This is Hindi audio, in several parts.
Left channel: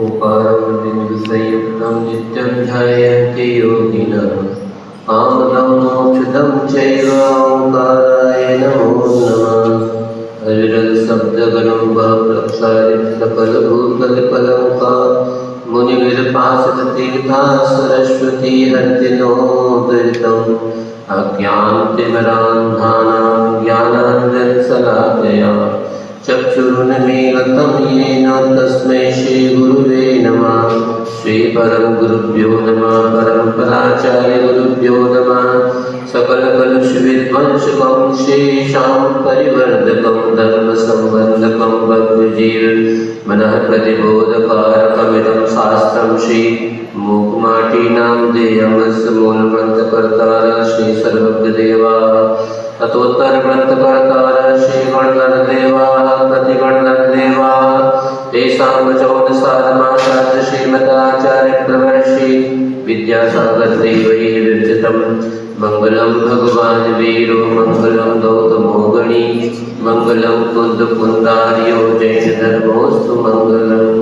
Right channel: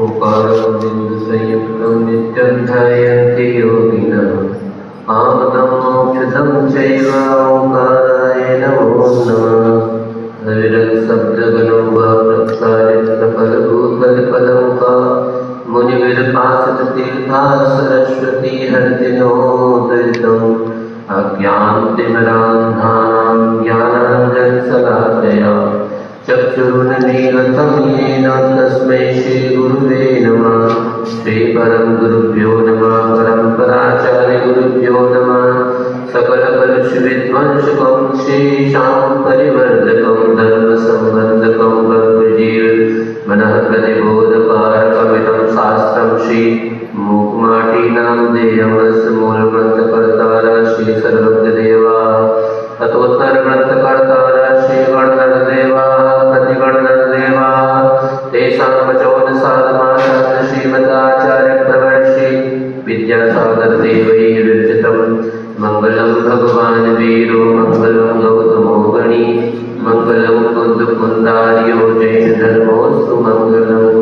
ओंकारं बिन्दुसंयुक्तं नित्यं ध्यायन्ति योगिनः कामदं मोक्षदं चैव ओंकाराय नमो नमः। हरिरत्शब्दगणो प्रक्षालित सकलभूतलकलङ्का मुनिविरपासिततीर्था सरस्वती हर्तिनोदृतम् अज्ञानतिमिरान्धानां ज्ञानाञ्जनशलाकया चक्षुरुन्मीलितं येन तस्मै श्रीगुरुवे नमः। श्रीपरमगुरुभ्यो नमः। परम्पराचार्यगुरुभ्यो नमः। सकलकलुषविध्वंसकं शेषां परिवर्धकं धर्मसंबन्धकं बद्धजीवमनः प्रतिबोधकारकमिदं शास्त्रं श्रीमूकमाटीनां देयमस्य मूलग्रन्थकर्तारः श्रीसर्वज्ञदेवाः ततोत्तरग्रन्थकर्तारः श्रीगणधरदेवाः प्रतिगणधरदेवाः तेषां वचोदसाधमाचार्य श्रीमदाचार्यप्रवर्षि विद्यासागरदेवैः विरचितं मङ्गलं भगवान् वीरो मङ्गलं गौतमो गणी मङ्गलं कुन्दकुन्दार्यो जैनधर्मोऽस्तु मङ्गलम्।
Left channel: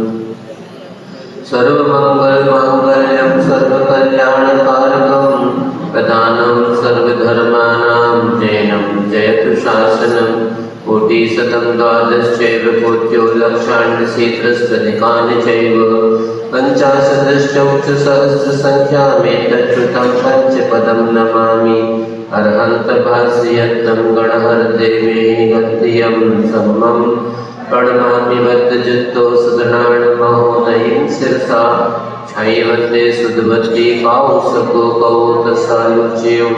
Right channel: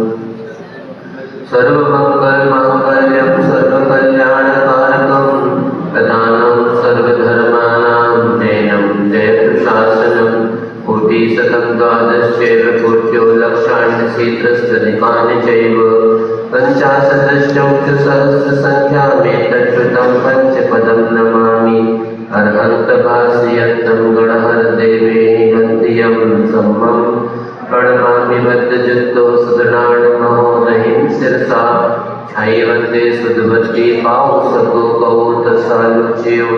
सर्वमङ्गलमाङ्गल्यं सर्वकल्याणकारकं प्रधानं सर्वधर्माणां जैनं जयतु शासनं कोटिशतं द्वादशैव कोट्यो लक्षाण्यशीत्रस्तनिकानि चैव पञ्चाशदश्चौक्षसहस्रसङ्ख्यामेतच्छ्रुतं पञ्चपदं नमामि अर्हन्तभास्यन्तं गणहरदेवेहि गन्धियं सम्मं प्रणमामि बद्धजित्तो सुदृढाणमहोदयीं शिरसा छायवन्दे सुधवती पावसको कौतसालुच्यो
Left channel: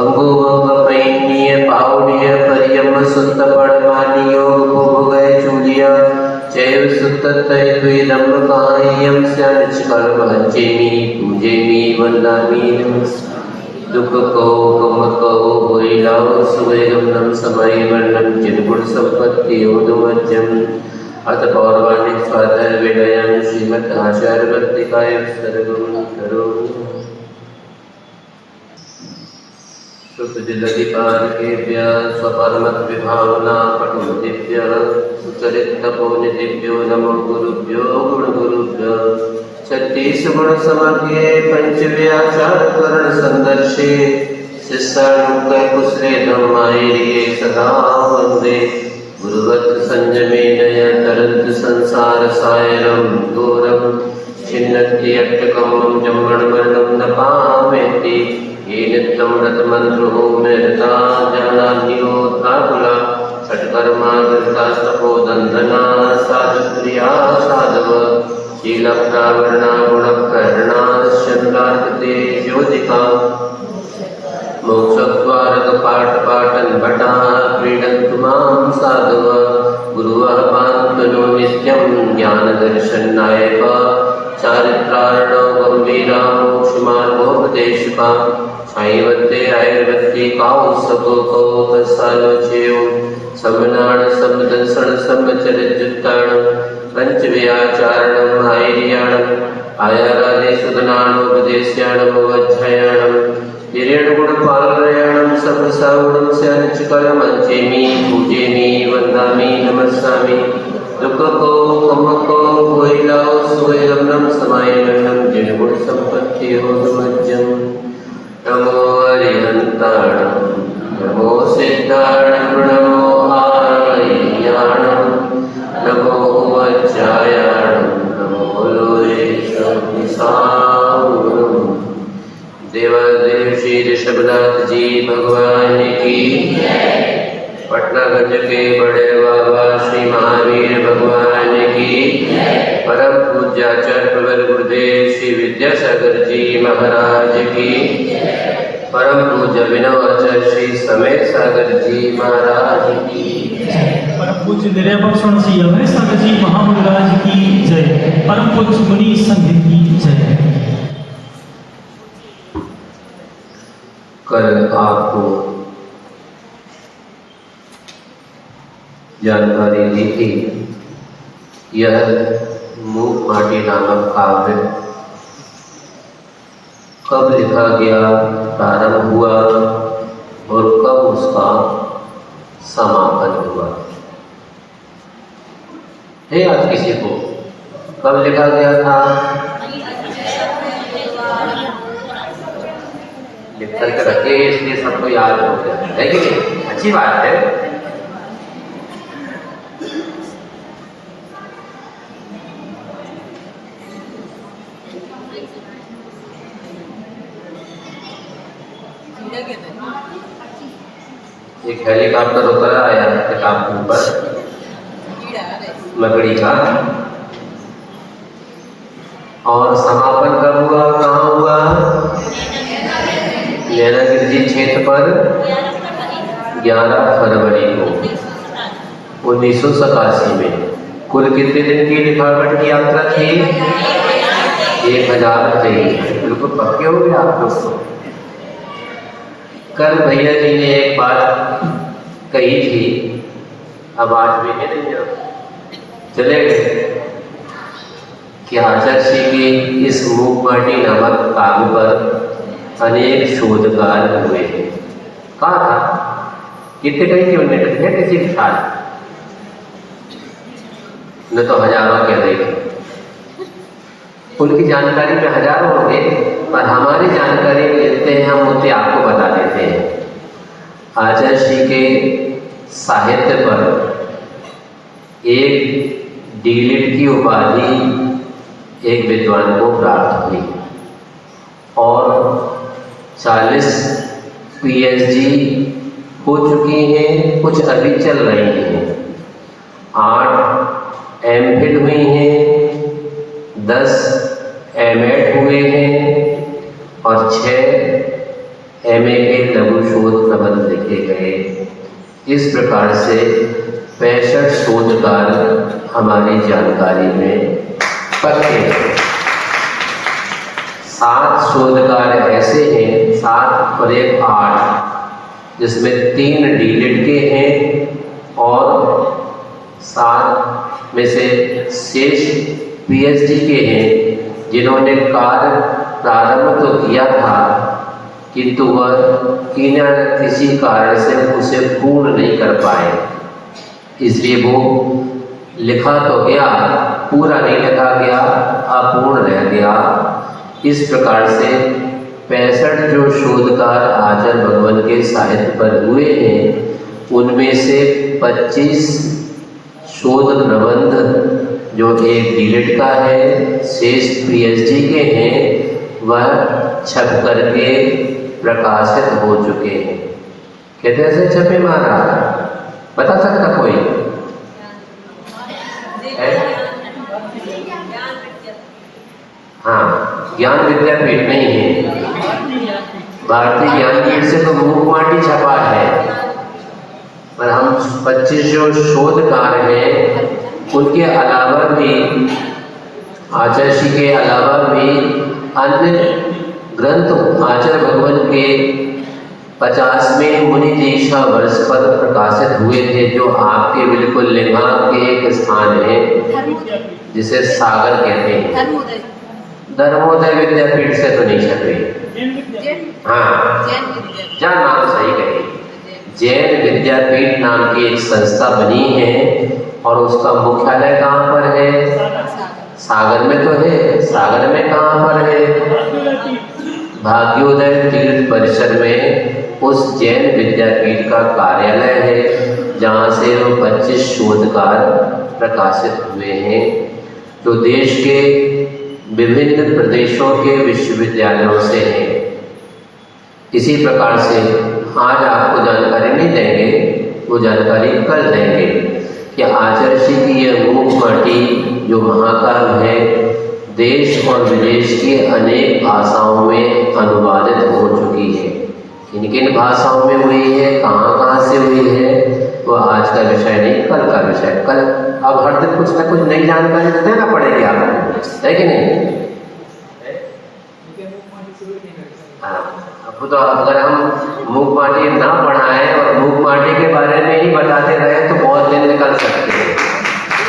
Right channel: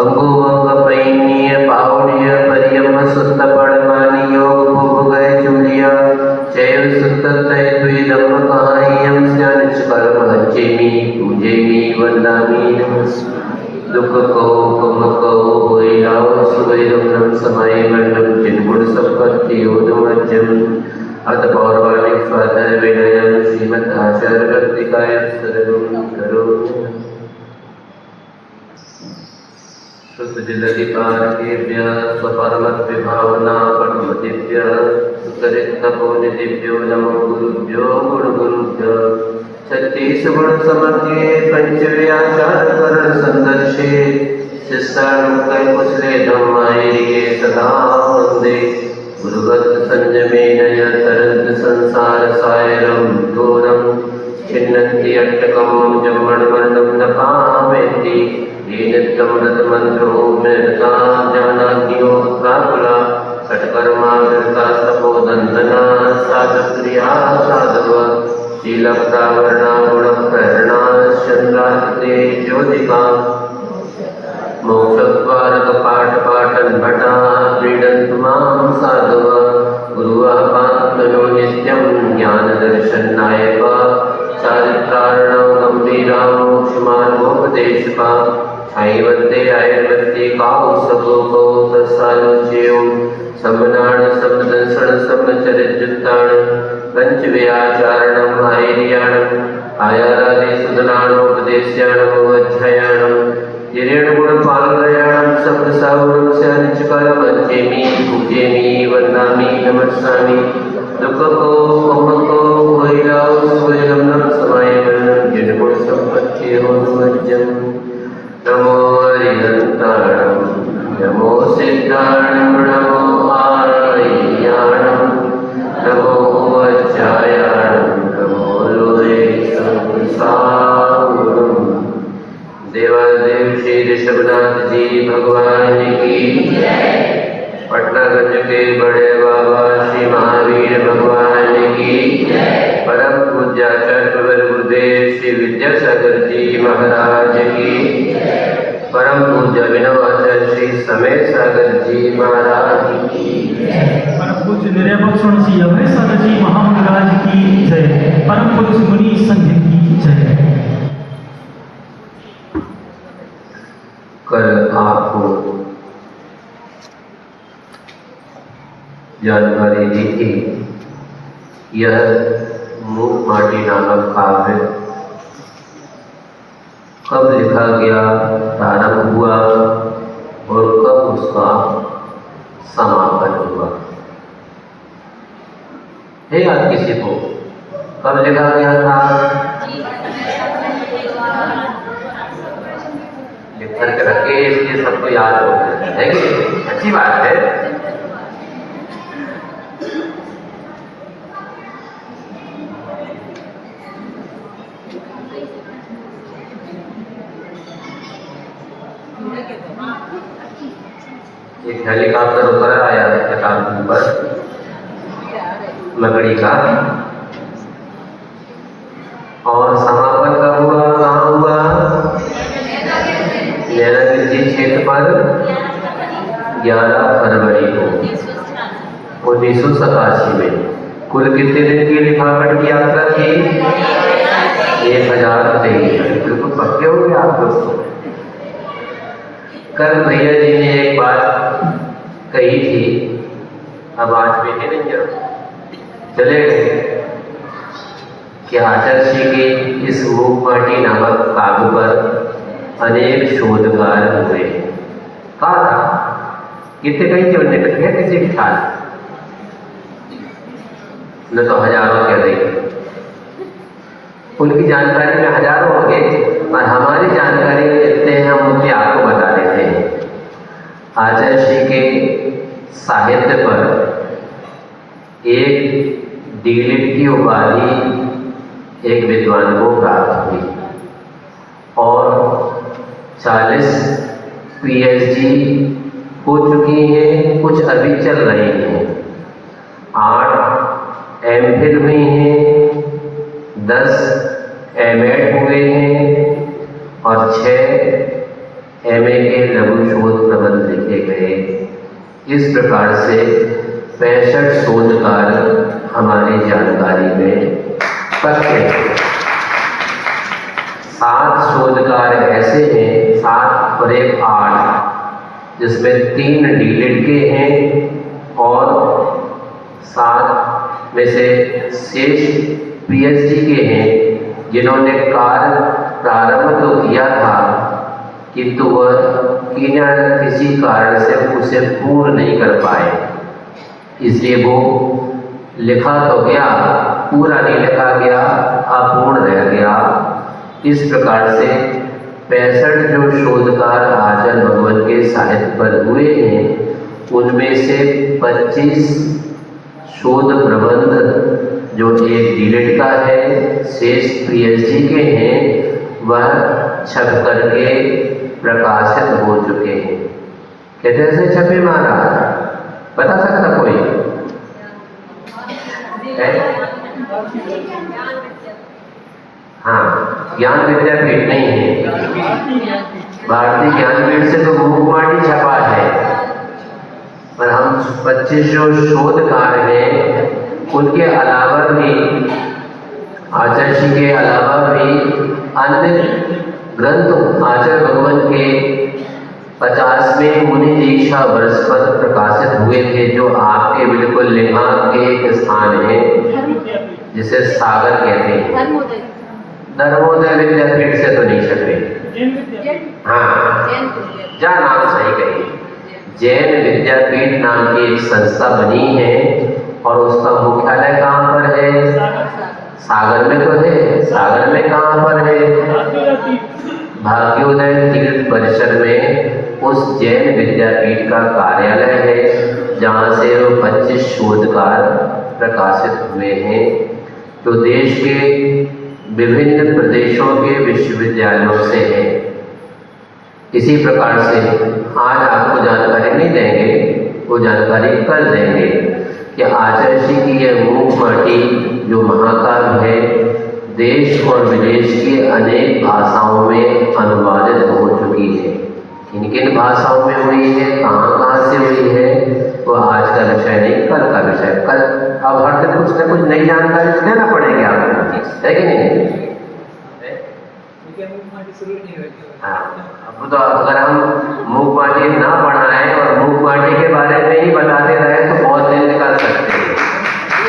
अंगोमंगपैन्य पावड्य पर्यम सुत्त पड़मानी योग भोगय चूलिया चैव सुत्ततय द्वेदम्बकायं स्यानिच कर्म हच्चेमि पूजेमि वन्दामि नमस्मि दुख को गम को भोइलाओ सुवैरम नम समय वर्णम चिन्मुड़ संपत्ति योदमज्जम अत पौर्वाणिक स्वादर विनयं श्रीमद् आचार्य वर्तिकाय सर्वं करोमि। सुतजिदधिकारकेभ्य स्वपरमत विभावना पटुमतिभ्य सुचरितपोनिधिभ्यो नमो गुरुभ्यो गुणगुरुभ्यो छत्तीस गुण समज्ञे पंचव्याचार करण संदर्शे शिष्यानुकय कुशले धम्मायिरिये सदा वन्दे गुरुवत् संयमेन तरन्त संसार सायरं घोरं छिन्नन्ति अट्टकं जम्मणवर्णं न पामेति येन तं व्रतमन्त्रो मृता जानान्यो प्राकुला षट्कर्मा धृता तपोदन्तना साधुप्रिया साधव शीलप्रावरणा गुणप्रहरणा चन्द्रार्कते ज्योतिका मोक्षद्वारकपाटपाटन् भटा क्रीडन्तु मां साधव गुरुवः पात्मनो नित्यं ज्ञानदर्शननायक चारित्रार्णो गम्भीरा मोक्षमार्गोपदेशका छायवन्ते आयुर्वत्ते काउसको कौतसालोच्यो सम्मनाण शब्ददर्शन सम्मचरितजुत्ताण पंचव्याचारणं आयर्याणम् आयारादे सुदनानोपदेश्याणम् अवज्झयाणम् हिरण्यगुणपालयाणं सम्मसावणं स्यानिचकलमञ्चेमि पूजेमि वन्दामि नमस्सामि दुःखको ममको भोइलाओ सुवैरं नम समायमनं जिनगुण सम्पत्तियोदमज्जम् नमो हरिहन्ताणं नमो सिद्धाणं नमो आयर्याणं नमो वज्झायाणं नमो लोरे संसावणम्। देवादेव श्री ऋषभनाथ जी भगवान की पटनागंज के बड़े बाबा श्री महावीर भगवान की परम पूज्याचार्य प्रवर गुरुदेव श्री विद्यासागर जी महाराज की परम पूज्य विनवाचार्य श्री समय सागर जी महाराज की परम पूज्य निर्भक्षण श्री अभय सागर जी महाराज की जय। परम पूज्य मुनि संघ की जय। कल आपको जानकारी दी थी यह मूकमाटी नामक काव्य कब लिखा गया, प्रारंभ हुआ और कब उसका समापन हुआ। है आज किसी को कब लिखा गया था? लिख करके रखे, इसलिए सबको याद हो गया है कि नहीं? अच्छी बात है। एक हेलीकॉप्टर उतर आया चट्टान के ऊपर लकड़ी का, और समापन कब हुआ, कहाँ हुआ? नैनागिरी क्षेत्र पर 11 फरवरी को 1987 में। कुल कितने दिन की लिखावट की यात्रा थी? 1023। बिल्कुल पक्के हो गए आप लोग। कल भैया जी ने एक बात कही थी, अब आज देखे नहीं चले गए, कि आचार्य श्री के इस मूकमाटी नामक काव्य पर अनेक शोधकार हुए। कहा था कितने कही थी उन्होंने, कहा किसी के ख्याल न तो हजारों कह रही थी। उनकी जानकारी में हजारों होंगे, और हमारी जानकारी में जितने हैं हम उतने आपको बता देते हैं। आचार्य श्री के साहित्य पर एक डीलिट की उपाधि एक विद्वान को प्राप्त हुई, और 40 पीएचडी हो चुकी हैं, कुछ अभी चल रही हैं। 8 एमफिल हुई हैं, 10 एमएड हुए हैं, और 6 एमए के लघु शोध प्रबंध लिखे गए। इस प्रकार से 65 शोधकार हमारी जानकारी में पक्के हैं। 7 शोधकार ऐसे हैं, 7 और 1 8, जिसमें 3 डीलिट के हैं, और 7 में से शेष पीएचडी के हैं, जिन्होंने कार्य प्रारंभ तो किया था, किंतु वह किसी कारण से उसे पूर्ण नहीं कर पाए। इसलिए वो लिखा तो गया, पूरा नहीं लिखा गया, अपूर्ण रह गया। इस प्रकार से 65 जो शोधकार आचार्य भगवान के साहित्य पर हुए हैं, उनमें से 25 शोध प्रबंध जो एक डीलिट का है, शेष पीएचडी के हैं, वह छप करके प्रकाशित हो चुके हैं। कहते से छपे मारा, बता सकता कोई है? हाँ, ज्ञान विद्यापीठ नहीं है, भारतीय ज्ञानपीठ से तो मूकमाटी छपा है। पर हम 25 जो शोधकार हैं, उनके अलावा भी आचार्य श्री के अलावा भी अन्य ग्रंथ आचार्य भगवान के 50वें मुनि दीक्षा वर्ष पर प्रकाशित हुए थे, जो आपके बिल्कुल लिंगांग के एक स्थान है, जिसे सागर कहते हैं। धर्मोदय विद्यापीठ से तो नहीं छपे। हाँ, जहाँ नाम सही कही, जैन विद्यापीठ नाम की एक संस्था बनी है, और उसका मुख्यालय कहाँ पर है? सागर में तो है। सागर में कहाँ पर है? भाग्योदय तीर्थ परिसर में उस जैन विद्यापीठ का कार्यालय है, जहाँ से वो 25 शोधकार प्रकाशित हुए हैं, जो देश के विभिन्न प्रदेशों के विश्वविद्यालयों से हैं। इसी प्रकार से आज आपको जानकारी नहीं देंगे, वो जानकारी कल देंगे कि आचार्य श्री की यह मूकमाटी जो महाकाव्य है, देश और विदेश के अनेक भाषाओं में अनुवादित हो चुकी है। किन किन भाषाओं में हुई है, कहाँ कहाँ से हुई है, वो आज का विषय नहीं, कल का विषय। कल अब हर दिन कुछ न कुछ नई जानकारी देना पड़ेगी आपको, है कि नहीं? हाँ, अब तो अगर हम मूकमाटी ना पढ़ाएं और मूकमाटी के बारे में ही बताते रहे तो बहुत दिन निकाल सकते हैं।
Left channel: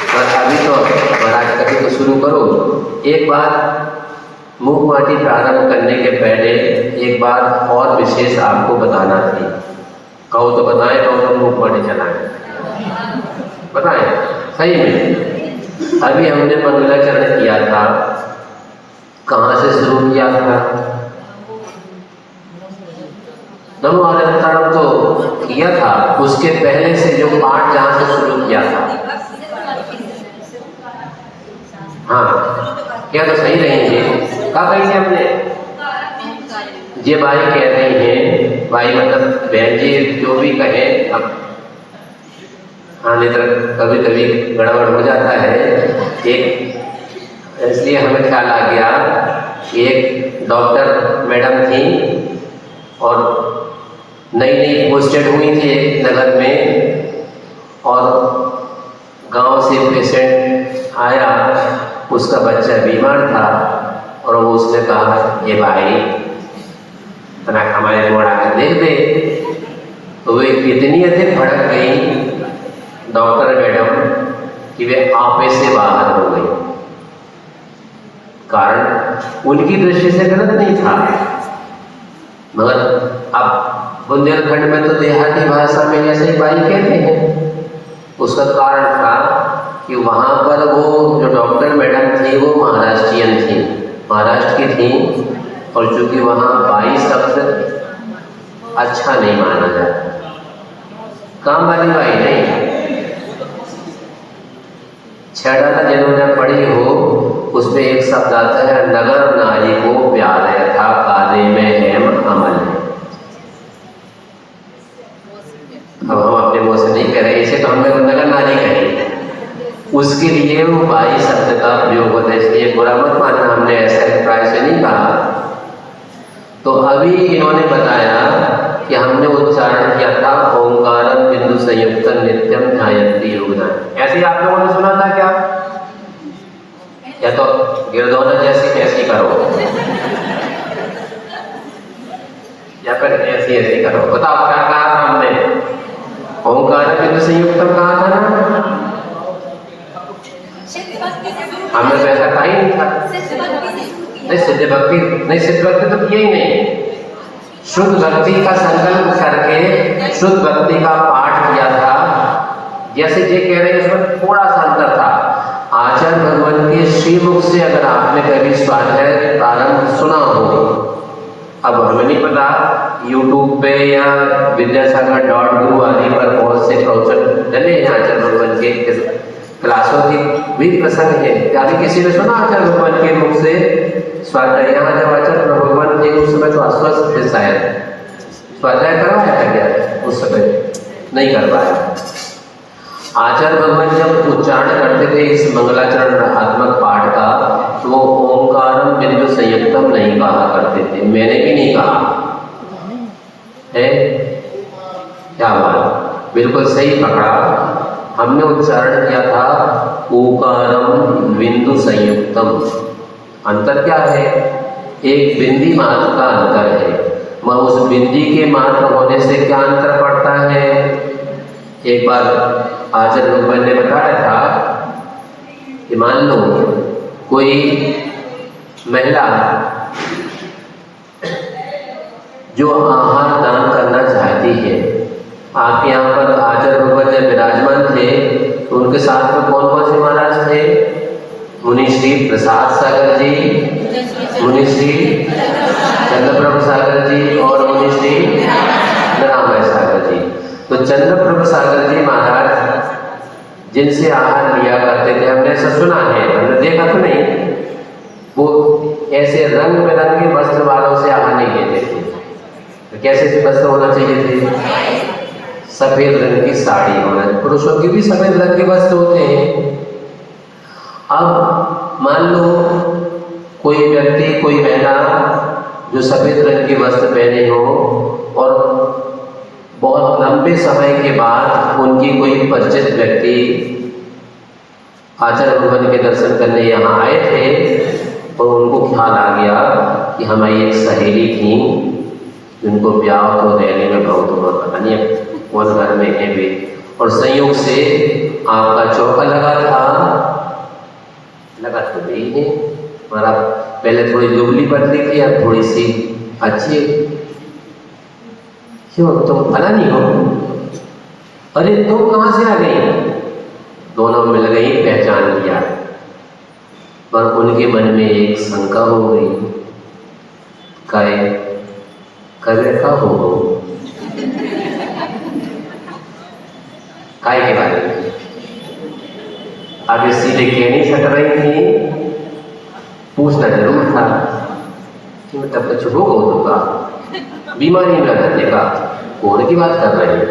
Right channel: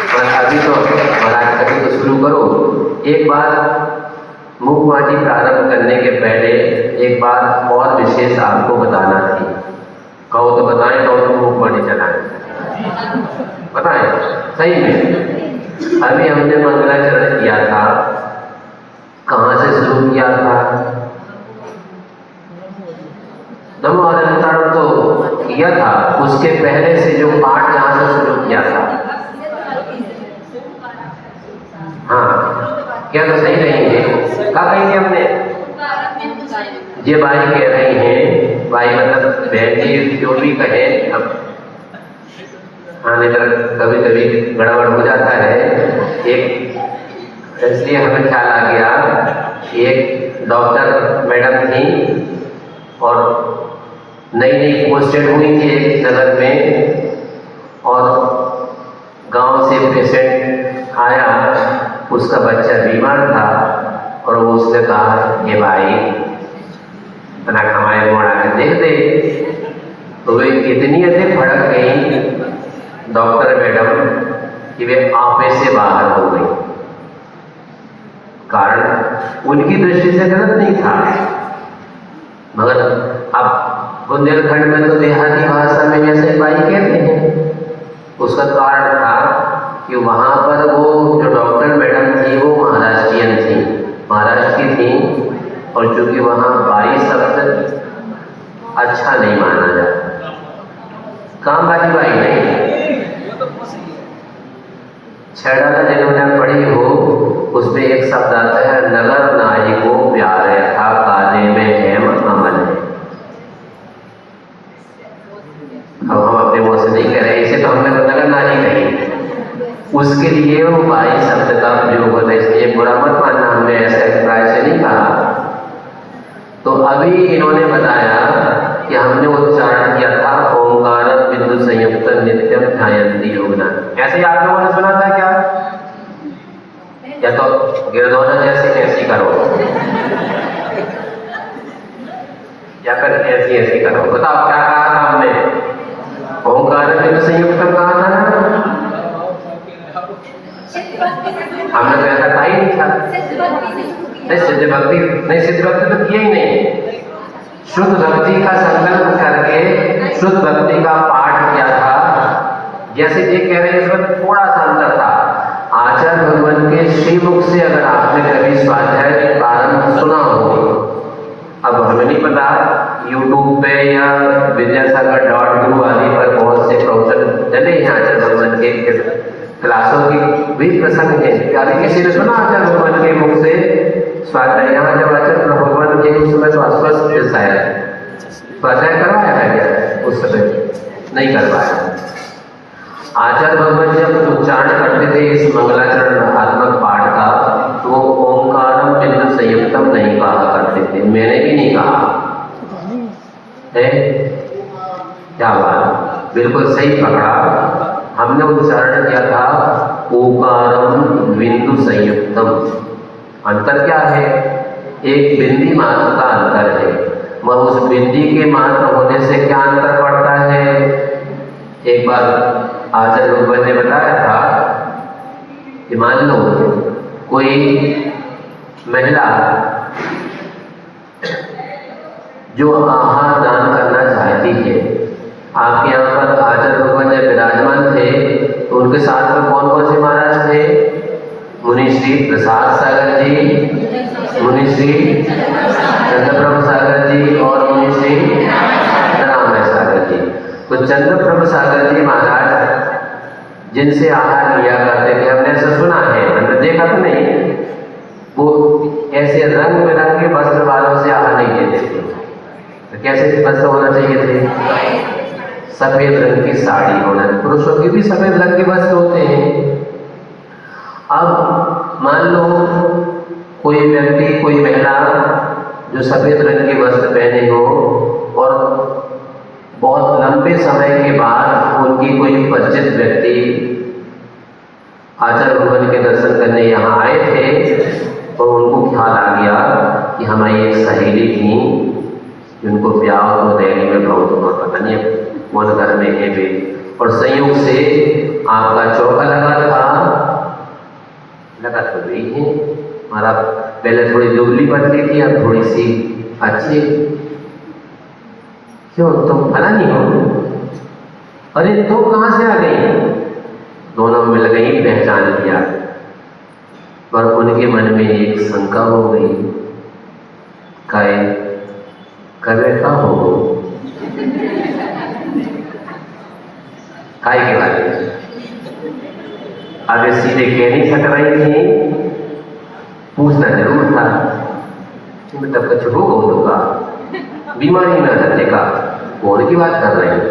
पर अभी तो महाराज कभी तो शुरू करो। एक बात मूकमाटी प्रारंभ करने के पहले एक बात और विशेष आपको बताना थी। कहो तो बताएं, कहो तो मूकमाटी चलाएं, बताएं सही में। अभी हमने मंगलाचरण किया था, कहाँ से शुरू किया था? नमो अनंताणम तो किया था, उसके पहले से जो पाठ जहाँ से शुरू किया था, हाँ क्या तो सही रहेंगे? क्या कहेंगे हमने? ये भाई कह रही हैं, भाई मतलब बहन जी जो भी कहे, अब हाँ नहीं तो कभी कभी गड़बड़ हो जाता है। एक इसलिए हमें ख्याल आ गया, एक डॉक्टर मैडम थी और नई नई पोस्टेड हुई थी एक नगर में, और गांव से पेशेंट आया, उसका बच्चा बीमार था और वो उसने कहा ये भाई तना हमारे मोड़ा कर देख दे। तो वे इतनी अधिक भड़क गई डॉक्टर मैडम कि वे आपे से बाहर हो गई। कारण उनकी दृष्टि से गलत नहीं था, मगर अब बुंदेलखंड में तो देहाती भाषा में जैसे भाई कहते हैं, उसका कारण था कि वहाँ पर वो जो डॉक्टर मैडम थी वो महाराष्ट्रियन थी, महाराष्ट्र की थी, और चूंकि वहाँ भाई शब्द अच्छा नहीं माना जाता, काम वाली बाई नहीं। छेड़ा जिन्होंने पढ़ी हो उसमें एक शब्द आता है, नगर नारी को प्यार था काले में हेम अमल है। अब हम अपने मुँह से नहीं कह रहे, इसे तो हमने नगर नारी कही, उसके लिए वो भाई शब्द का प्रयोग होता है, इसलिए बुरा मत मानना, हमने ऐसे अभिप्राय से नहीं कहा। तो अभी इन्होंने बताया कि हमने उच्चारण किया था ओंकारम बिंदु संयुक्त नित्यम ध्यायन्ति योगिना। ऐसे आप लोगों ने सुना था क्या? या तो गिरधौना जैसे ऐसी करो या फिर ऐसी ऐसी करो, बताओ क्या कहा था हमने? ओंकार बिंदु संयुक्तम कहा था ना? हमने तो ऐसा कहा ही नहीं था। नहीं सिद्ध भक्ति, नहीं सिद्ध भक्ति तो किया ही नहीं, शुद्ध भक्ति का संकल्प करके शुद्ध भक्ति का पाठ किया था। जैसे ये कह रहे हैं इसमें थोड़ा सा अंतर था। आचार्य भगवान के श्रीमुख से अगर आपने कभी स्वाध्याय प्रारंभ सुना हो, अब हमें नहीं पता यूट्यूब पे या विद्यासागर.guru आदि पर बहुत से प्रवचन डले हैं आचार्य भगवान के क्लासों की भी प्रसंग है। कभी किसी ने सुना आचार्य भगवान के मुख से स्वाध्याय? यहाँ जब आचार्य भगवान के उस समय तो अस्वस्थ थे, शायद स्वाध्याय करवाया था क्या? उस समय नहीं करवाया। आचार्य भगवान जब उच्चारण करते थे इस मंगलाचरण आत्मक पाठ का, तो ओंकारम बिंदु संयुक्तम नहीं कहा करते थे, मैंने भी नहीं कहा है। क्या बात, बिल्कुल सही पकड़ा। हमने उच्चारण किया था ओकारम बिंदु संयुक्तम। अंतर क्या है? एक बिंदी मात्र का अंतर है, मगर उस बिंदी के मात्र होने से क्या अंतर पड़ता है? एक बार आचार्य भगवान ने बताया था कि मान लो कोई महिला जो आहार दान करना चाहती है, आपके यहाँ पर आचार्य भगवान जब विराजमान थे तो उनके साथ में कौन कौन से महाराज थे? मुनि श्री प्रसाद सागर जी, मुनि श्री चंद्रप्रभु सागर जी और मुनि श्री रामाय सागर जी। तो चंद्रप्रभु सागर जी महाराज जिनसे आहार लिया करते थे, हमने ऐसा सुना है, हमने देखा तो नहीं, वो ऐसे रंग बिरंगे वस्त्र वालों से आहार नहीं लेते थे। तो कैसे वस्त्र होना चाहिए थे? सफेद रंग की साड़ी होना, पुरुषों की भी सफेद रंग के वस्त्र होते हैं। अब मान लो कोई व्यक्ति, कोई महिला जो सफेद रंग के वस्त्र पहने हो और बहुत लंबे समय के बाद उनकी कोई परिचित व्यक्ति आचार्य भगवान के दर्शन करने यहाँ आए थे और उनको ख्याल आ गया कि हमारी एक सहेली थी जिनको ब्याह तो रैली में बहुत पता नहीं कौन घर में है वे, और संयोग से आपका चौका लगा तो वही है हमारा। पहले थोड़ी दुबली पतली थी, अब थोड़ी सी अच्छी। क्यों तुम फला नहीं हो? अरे तुम कहाँ से आ गई? दोनों मिल गई, पहचान लिया, पर उनके मन में एक शंका हो गई, कहे का हो काय के बारे में। आगे सीधे कह नहीं सक रही थी, पूछना जरूर था कि बेटा कुछ हो होगा, बीमारी में रहने का कौन की बात कर रहे हैं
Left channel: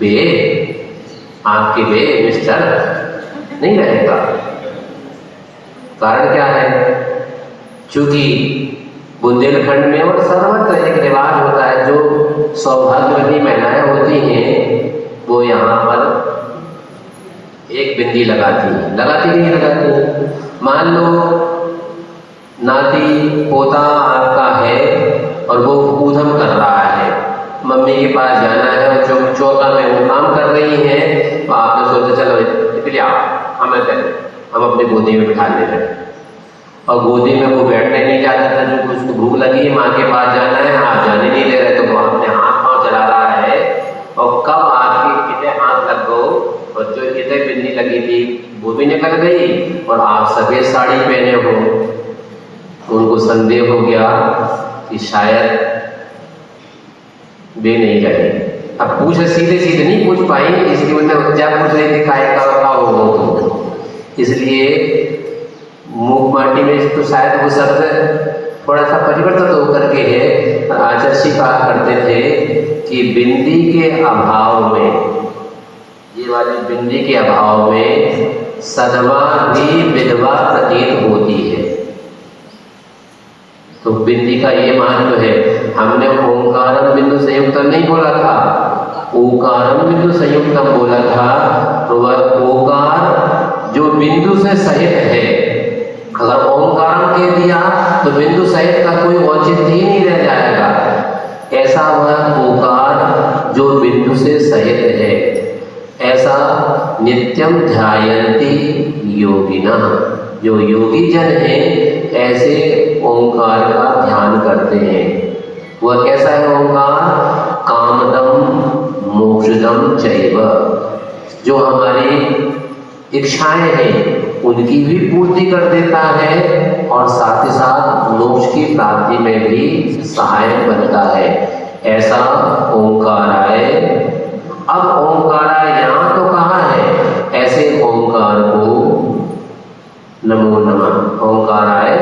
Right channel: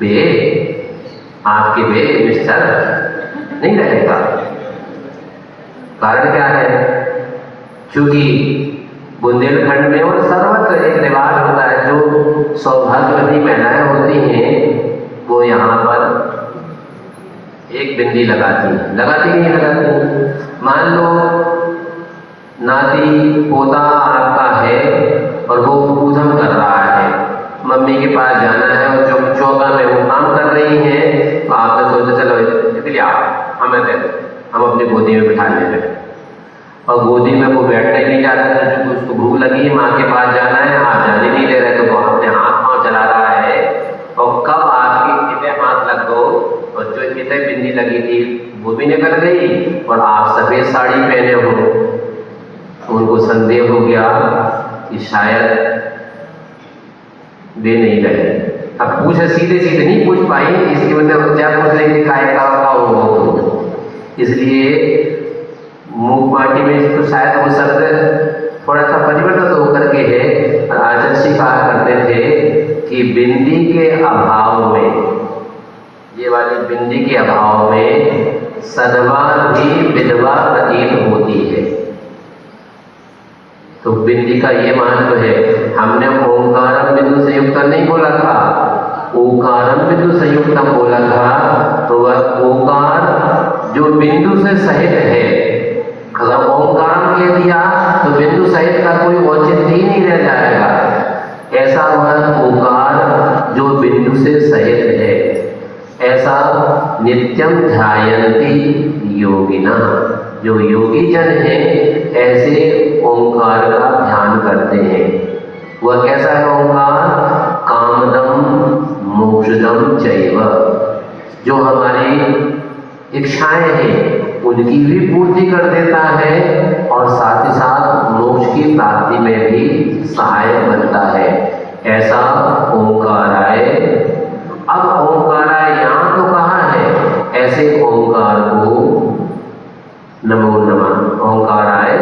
बे, आपके बे मिस्टर नहीं रहेगा। कारण क्या है, चूंकि बुंदेलखंड में और सर्वत्र एक रिवाज होता है, जो सौभाग्यवती महिलाएं होती हैं वो यहाँ पर एक बिंदी लगाती कि नहीं लगाती। मान लो नाती पोता आपका है और वो ऊधम कर रहा है, मम्मी के पास जाना है और जो चौका में वो काम कर रही हैं, तो आपने सोचा चलो इसलिए हम अपनी गोदी में बिठा ले रहे, और गोदी में वो बैठने नहीं जाता था, क्योंकि उसको भूख लगी है, माँ के पास जाना है, आप जाने नहीं दे रहे, तो वो अपने हाथ पाँव चला रहा है। और कब आपके कितने हाथ लग गो और जो कितने बिंदी लगी थी वो भी निकल गई, और आप सफेद साड़ी पहने हो, तो उनको संदेह हो गया कि शायद वे नहीं रहे। अब पूछे सीधे नहीं पूछ पाई, इसकी मतलब क्या पूछ रही थी, काय का हो, इसलिए मूक माटी में तो शायद वो शब्द थोड़ा सा परिवर्तित होकर के है। और आचार्य कहा करते थे कि बिंदी के अभाव में, ये वाली बिंदी के अभाव में सदवा भी विधवा प्रतीत होती है। तो बिंदी का ये महत्व है। हमने ओंकारम बिंदु संयुक्तम नहीं बोला था, ओकारम बिंदु संयुक्तम बोला था, तो वह ओकार जो बिंदु से सहित है, अगर ओंकारम कह दिया तो बिंदु सहित का कोई औचित्य ही नहीं रह जाएगा। ऐसा वह ओकार जो बिंदु से सहित है, ऐसा नित्यम ध्यायन्ति योगिना, जो योगी जन है ऐसे ओंकार का ध्यान करते हैं। वह कैसा है ओंकार, कामदम मोक्षदम चैव, जो हमारी इच्छाएं हैं उनकी भी पूर्ति कर देता है, और साथ ही साथ मोक्ष की प्राप्ति में भी सहायक बनता है। ऐसा ओंकाराय। अब ओंकाराय यहाँ तो कहा है, ऐसे ओंकार को नमो नमः, ओंकाराय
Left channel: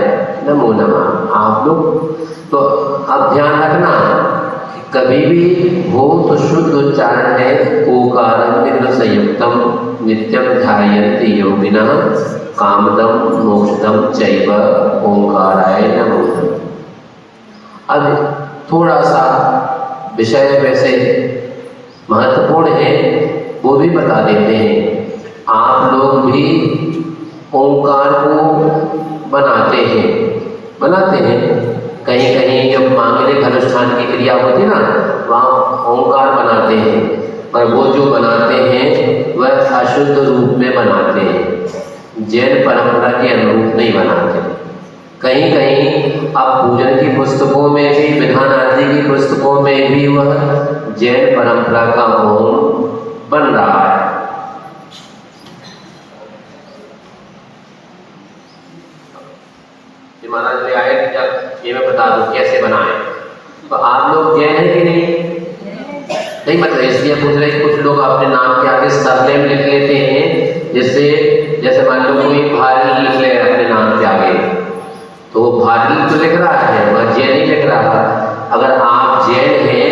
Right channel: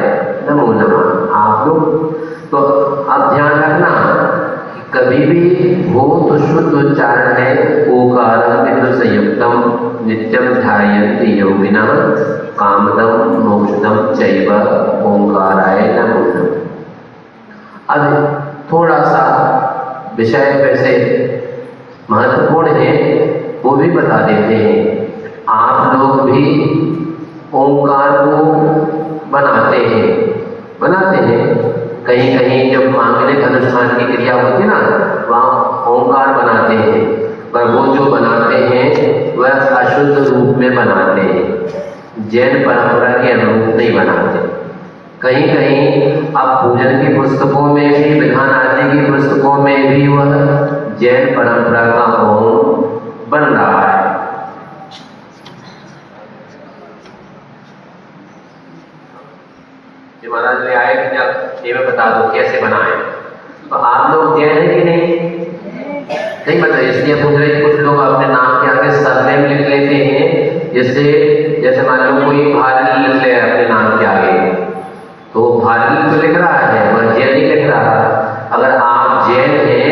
नमो नमः। आप लोग तो अब ध्यान रखना कि कभी भी हो तो शुद्ध उच्चारण है, ओकारम बिंदु संयुक्तम नित्यम ध्यायन्ति योगिना कामदम मोक्षदम चैव ओंकाराय नमो नमः। अब थोड़ा सा विषय वैसे महत्वपूर्ण है, वो भी बता देते हैं। आप लोग भी ओंकार को बनाते हैं। कहीं कहीं जब मांगलिक अनुष्ठान की क्रिया होती ना, वहाँ ओंकार बनाते हैं, पर वो जो बनाते हैं वह अशुद्ध रूप में बनाते हैं, जैन परंपरा के अनुरूप नहीं बनाते। कहीं कहीं अब पूजन की पुस्तकों में भी, विधान आदि की पुस्तकों में भी वह जैन परंपरा का ओम बन रहा है। महाराज ले आए कि जब ये मैं बता दूं कैसे बनाए, तो आप लोग जैन है कि नहीं मतलब इसलिए पूछ रहे, कुछ लोग अपने नाम के आगे सरनेम लिख लेते हैं, जिससे जैसे मान लो कोई भारी लिख ले अपने नाम के आगे, तो भारी तो लिख रहा है, वह जैन नहीं लिख रहा। अगर आप जैन हैं,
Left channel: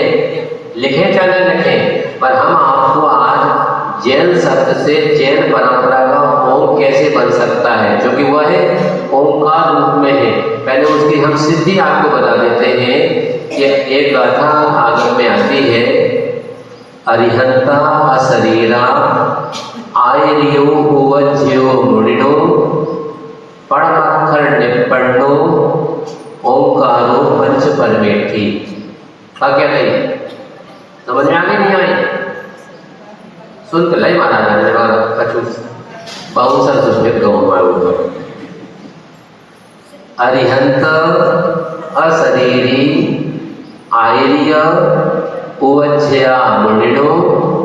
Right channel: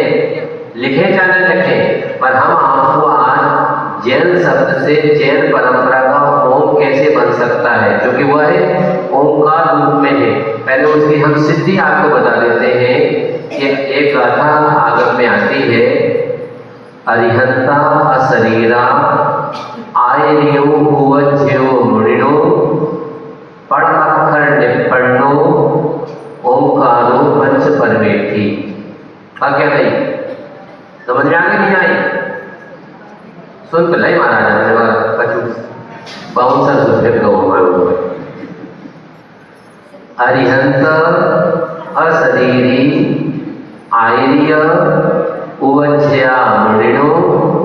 लिखे चाहे न लिखे, पर हम आपको आज जैन शब्द से जैन परंपरा का ओम कैसे बन सकता है, क्योंकि वह है ओंकार रूप में है। पहले उसकी हम सिद्धि आपको बता देते हैं कि एक गाथा आगम में आती है, अरिहंता अशरीरा आयरियो ओवज्यो मुनिनो पढ़ अक्षर निपन्नो ओंकारो पंच परमेठी। क्या नहीं समझ में आगे नहीं आई, सुन तो लय महाराज कछु बहुत सा सुख दो मालूम। अरिहंत अशरीरी आयर्य उवज्या मुनिनो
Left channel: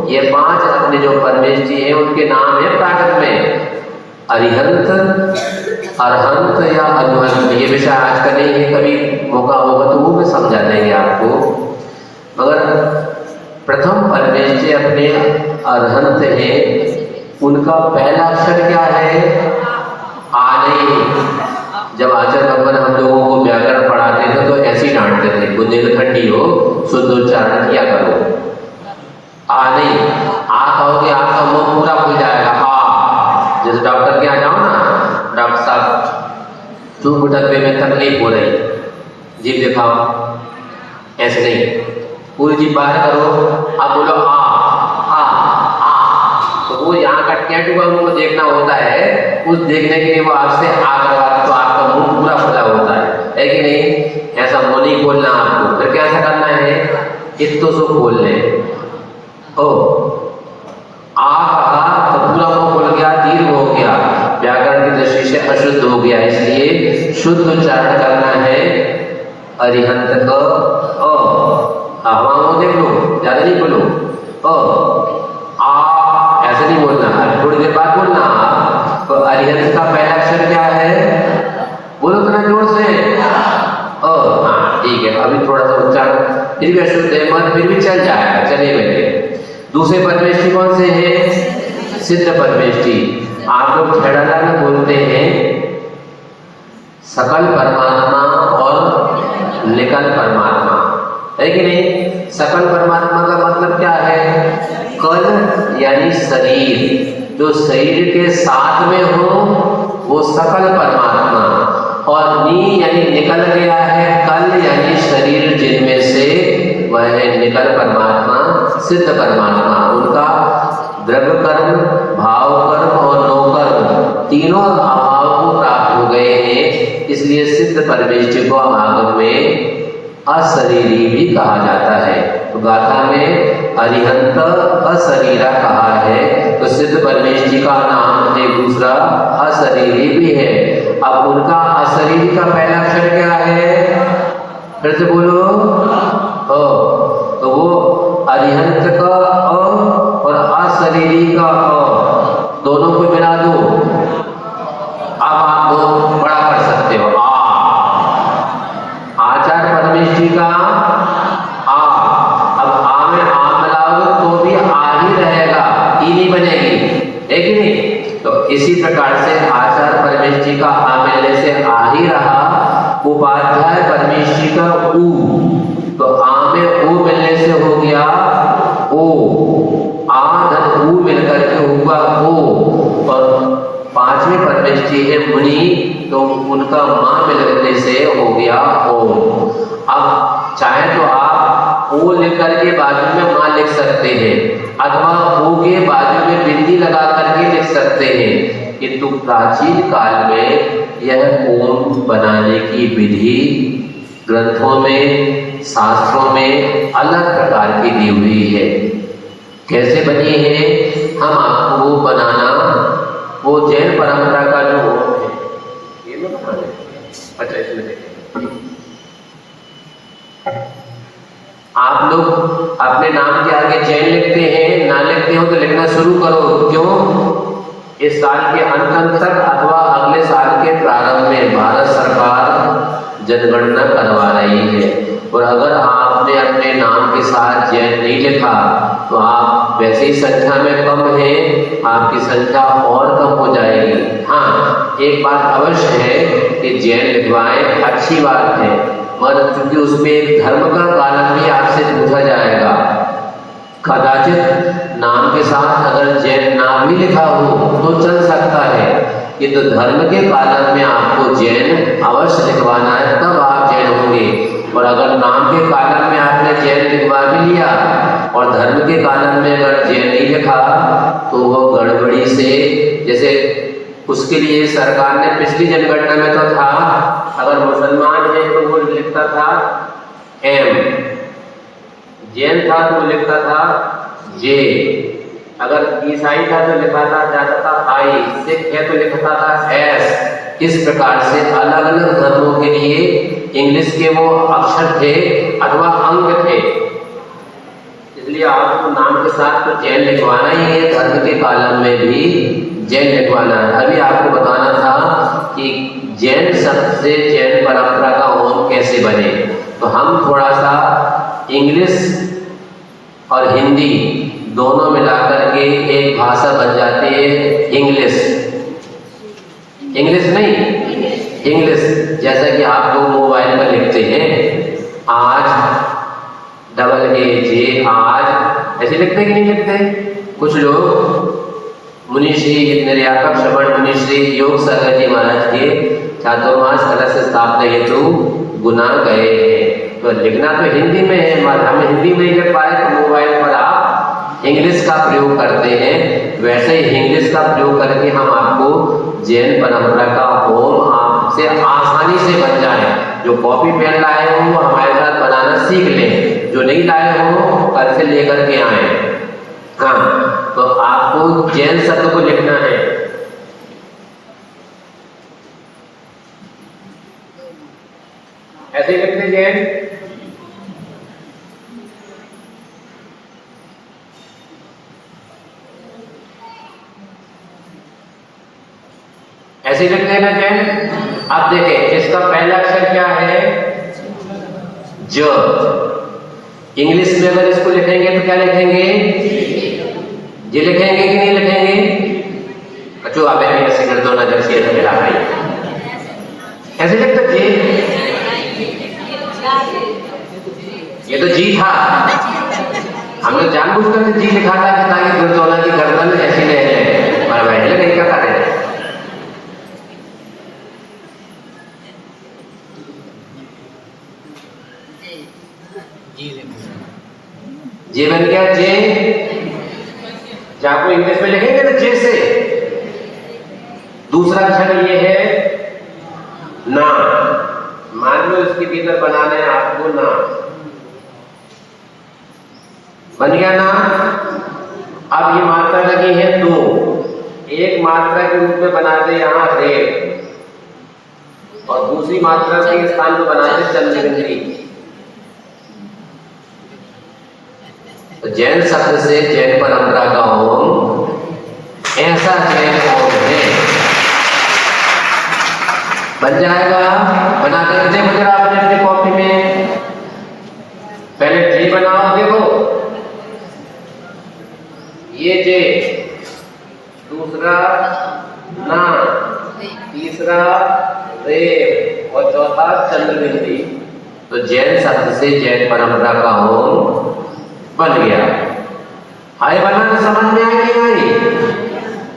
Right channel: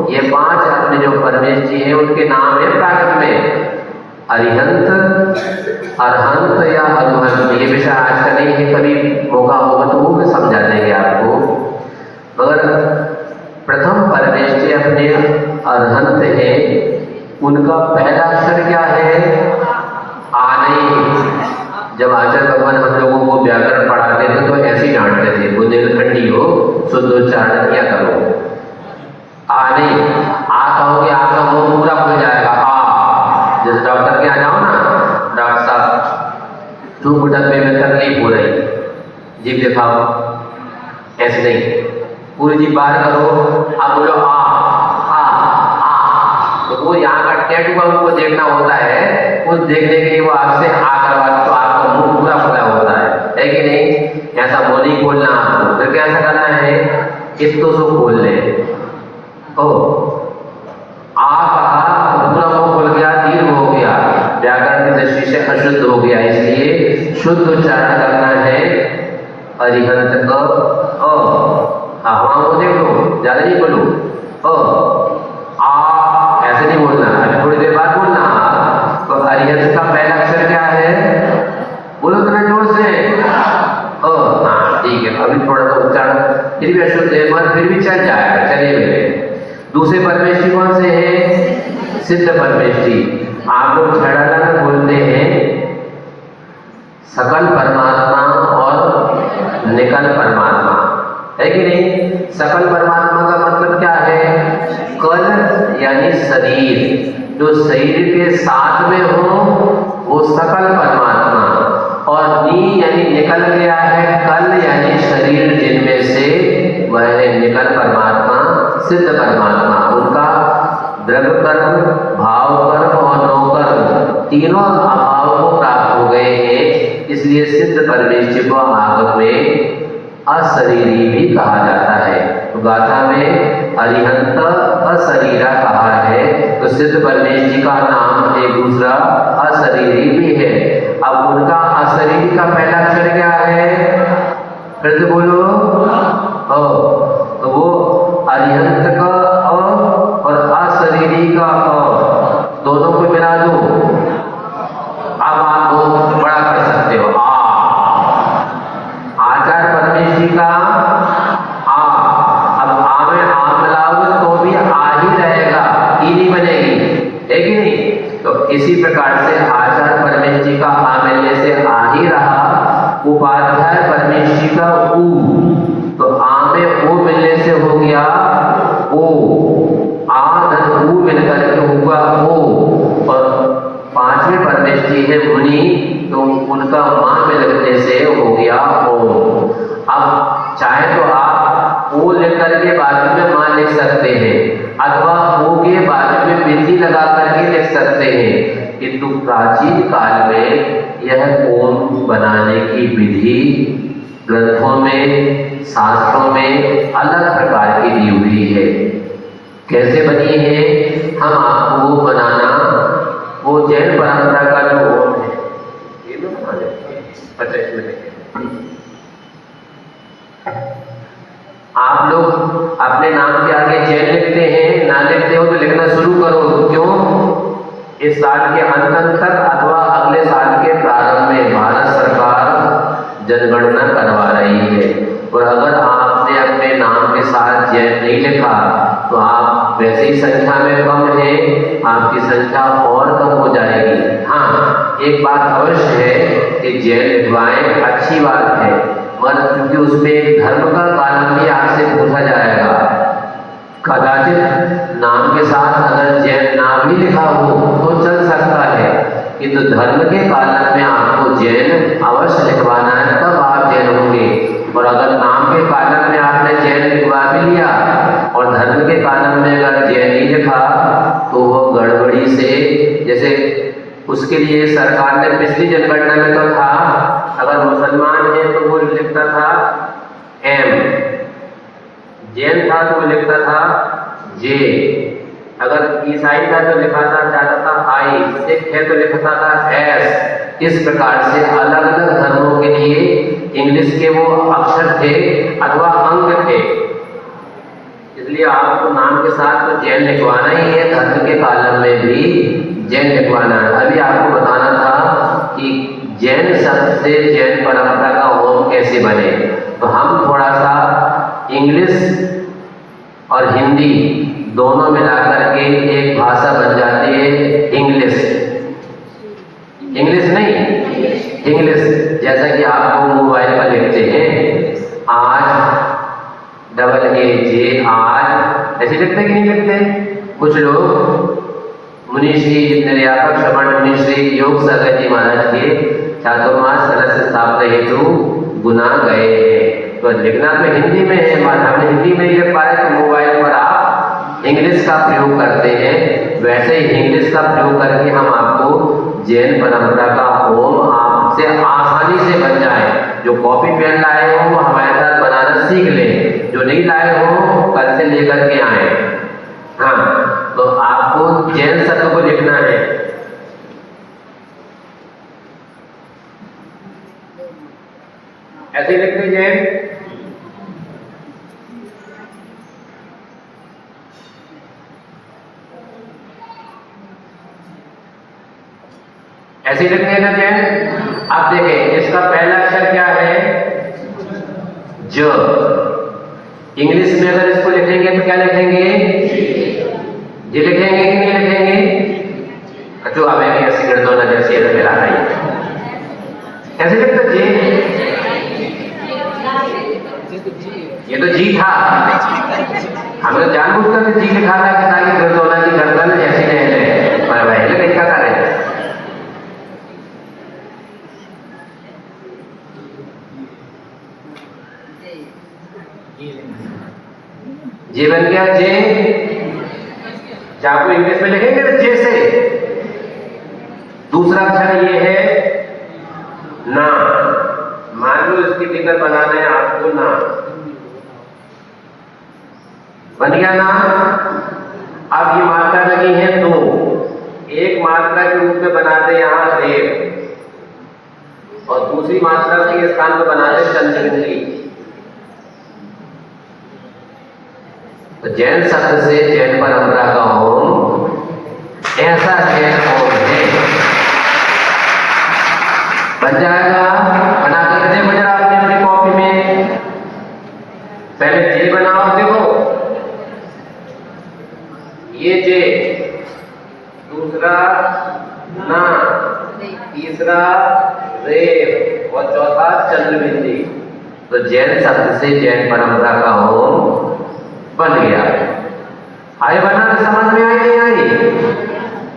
ये 5 अपने जो परमेश जी हैं उनके नाम है प्राकृत में, अरिहंत, अरहंत या अरुहंत। ये विषय आज का नहीं है, कभी मौका होगा तो वो भी समझा देंगे आपको। मगर प्रथम परमेश जी अपने अरहंत हैं, उनका पहला अक्षर क्या है? आ नहीं। जब आचार्य भगवान हम लोगों को व्याकरण पढ़ाते थे तो ऐसे ही डांटते थे, बुंदेलखंडी हो, शुद्ध उच्चारण किया करो। आ नहीं, आ कहोगे आपका मुंह पूरा खुल जाएगा। आ, जैसे डॉक्टर के यहाँ जाओ ना, डॉक्टर साहब चूक उठक में तकलीफ हो रही, जीभ दिखाओ, ऐसे नहीं, पूरी जीभ बाहर करो, आप बोलो आ आ आ। तो वो यहाँ का टैटू का मुंह देखना होता है, उस देखने के लिए वो आपसे आ करवाते तो आपका मुंह पूरा खुला होता है कि नहीं? ऐसा मुंह नहीं खोलना आपको। फिर कैसा करना है? इत्तो से खोल ले। ओ आ कहा तो पूरा मुंह खुल गया, दीर्घ हो गया, व्याकरण की दृष्टि से अशुद्ध हो गया, इसलिए शुद्ध उच्चारण करना है अरिहंत का अ। वहां वो देख लो, ज्यादा नहीं बोलो, आ ऐसे नहीं बोलना है, थोड़ी देर बाद बोलना। तो अरिहंत का पहला अक्षर क्या है? बोलो तो ना जोर से। हाँ ठीक है, अभी थोड़ा सा उच्चारण फिर भी अशुद्ध है मगर फिर भी चल जाएगा, चले मेरे। दूसरे परमेश जी कौन से हैं? सिद्ध परमेश जी। आप लोग छेड़ाला में बोलते हैं सकल परमात्मा और निकल परमात्मा, है कि नहीं? सकल परमात्मा का मतलब क्या है? कल यानी शरीर, जो शरीर के साथ में हो वो सकल परमात्मा, और नी यानी निकल गया है, कल यानी शरीर जिनमें से, वह है निकल परमात्मा, सिद्ध परमात्मा। उनका द्रव्य कर्म, भाव कर्म और नो कर्म तीनों अभाव को प्राप्त हो गए हैं, इसलिए सिद्ध परमेश जी को आगम में अशरीरी भी कहा जाता है। तो गाथा में अरिहंत अशरीरा कहा है, तो सिद्ध परमेश जी का नाम एक दूसरा अशरीरी भी है। अब उनका अशरीरी का पहला अक्षर क्या है? फिर से बोलो। तो वो अरिहंत का अ और अशरीरी का अ, दोनों को मिला दो, अब आप वो बड़ा कर सकते हो। आचार्य परमेश जी का आ, अब आ में आम मिलाओगे तो भी आ ही रहेगा, ई नहीं बनेगी, है कि नहीं? तो इसी प्रकार से आचार्य परमेश जी का आ मिलने से आ ही रहा, उपाध्याय परमेश जी का ऊ, तो आ में ऊ मिलने से हो गया ओ, आ धन ऊ मिलकर के होगा ओ। और पांचवें परमेश जी है मुनि, तो उनका मां मिलने से हो गया ओम। अब चाहे तो आप ओ लेकर के बाजू में मां लिख सकते हैं, अथवा ओ के बाजू में बिंदी लगा करके लिख सकते हैं, किंतु प्राचीन काल में यह ओम बनाने की विधि ग्रंथों में, शास्त्रों में अलग प्रकार की दी हुई है। कैसे बनी है? हम आपको वो बनाना, वो जैन परंपरा का जो ओम है, ये लोग बना लेते हैं। अच्छा इसमें देखें, आप लोग अपने नाम के आगे जैन लिखते हैं, ना लिखते हो तो लिखना शुरू करो। क्यों? इस साल के अंत तक अथवा अगले साल के प्रारंभ में भारत सरकार जनगणना करवा रही है, और अगर आपने अपने नाम के साथ जैन नहीं लिखा तो आप वैसे ही संख्या में कम है, आपकी संख्या और कम हो जाएगी। हाँ, एक बात अवश्य है कि जैन लिखवाएं, अच्छी बात है, मगर चूंकि उसमें एक धर्म का कालन भी आपसे पूछा जाएगा। कदाचित नाम के साथ अगर जैन नाम भी लिखा हो तो चल सकता है, किंतु धर्म के कालन में आपको जैन अवश्य लिखवाना है, तब आप जैन होंगे। और अगर नाम के कालन में आपने जैन लिखवा भी लिया और धर्म के कालन में अगर जैन नहीं लिखा तो वो गड़बड़ी से, जैसे उसके लिए सरकार ने पिछली जनगणना में तो था, अगर मुसलमान है तो वो लिखता था एम, जैन था तो वो लिखता था जे, अगर ईसाई था तो लिखाता जाता था आई, सिख है तो लिखता था एस। इस प्रकार से अलग अलग धर्मों के लिए इंग्लिश के वो अक्षर थे अथवा अंक थे, इसलिए ये आपको नाम के साथ तो जैन लिखवाना ही है, धर्म के कॉलम में भी जैन लिखवाना है। अभी आपको बताना था कि जैन शब्द से जैन परंपरा का ओम कैसे बने, तो हम थोड़ा सा इंग्लिश और हिंदी दोनों मिलाकर के एक भाषा बन जाती है इंग्लिश। इंग्लिश नहीं, इंग्लिश। जैसा कि आप लोग मोबाइल पर लिखते हैं आज, डबल ए जे आज, ऐसे लिखते कि नहीं लिखते? कुछ लोग मुनिश्री निर्यापक श्रवण मुनिश्री योग सागर जी महाराज के चातुर्मास कलश स्थापना हेतु गुना गए हैं, तो लिखना तो हिंदी में है, हम हिंदी में ही लिख पाए तो मोबाइल पर आप इंग्लिश का प्रयोग करते हैं। वैसे ही इंग्लिश का प्रयोग करके हम आपको जैन परंपरा का ओम आपसे आसानी से बन जाए। जो कॉपी पेन लाए हो वो हमारे साथ बनाना सीख लें, जो नहीं लाए हो कल से लेकर के आए। हाँ, तो आपको जैन शब्द को लिखना है। ऐसे लिखते जैन, ऐसे लिखते हैं ना जैन। आप देखें इसका पहला अक्षर क्या है? ज। इंग्लिश में अगर इसको लिखेंगे तो क्या लिखेंगे? जी लिखेंगे कि नहीं लिखेंगे? अच्छा अब ऐसे कर दो ना, जैसे मेरा भाई कैसे लिखते जी? ये तो जी था, हमने जानबूझकर जी लिखा था ताकि गर्दोना की गर्दन ऐसी रहे, पर भाई नहीं क्या करें। जे बन गया जे। आपको इंग्लिश में लिखेंगे ना जे से। दूसरा अक्षर ये है ना, मान लो इसके भीतर बनाना है आपको ना, बन गया ना। अब ये मात्रा लगी है दो, एक मात्रा के रूप में बना दे यहाँ रेव, और दूसरी मात्रा के स्थान को बना दे चंद्रबिंदी। तो जैन शब्द से जैन परंपरा का ओम ऐसा जैन ओम है, बन जाएगा। बना कर देखो जरा आपने अपनी कॉपी में, पहले जे बनाओ, देखो ये जे, दूसरा ना, तीसरा रेव और चौथा चंद्रबिंदी। तो जैन शब्द से जैन परंपरा का ओम बन गया। आए बनाना समझ में आई नहीं आई?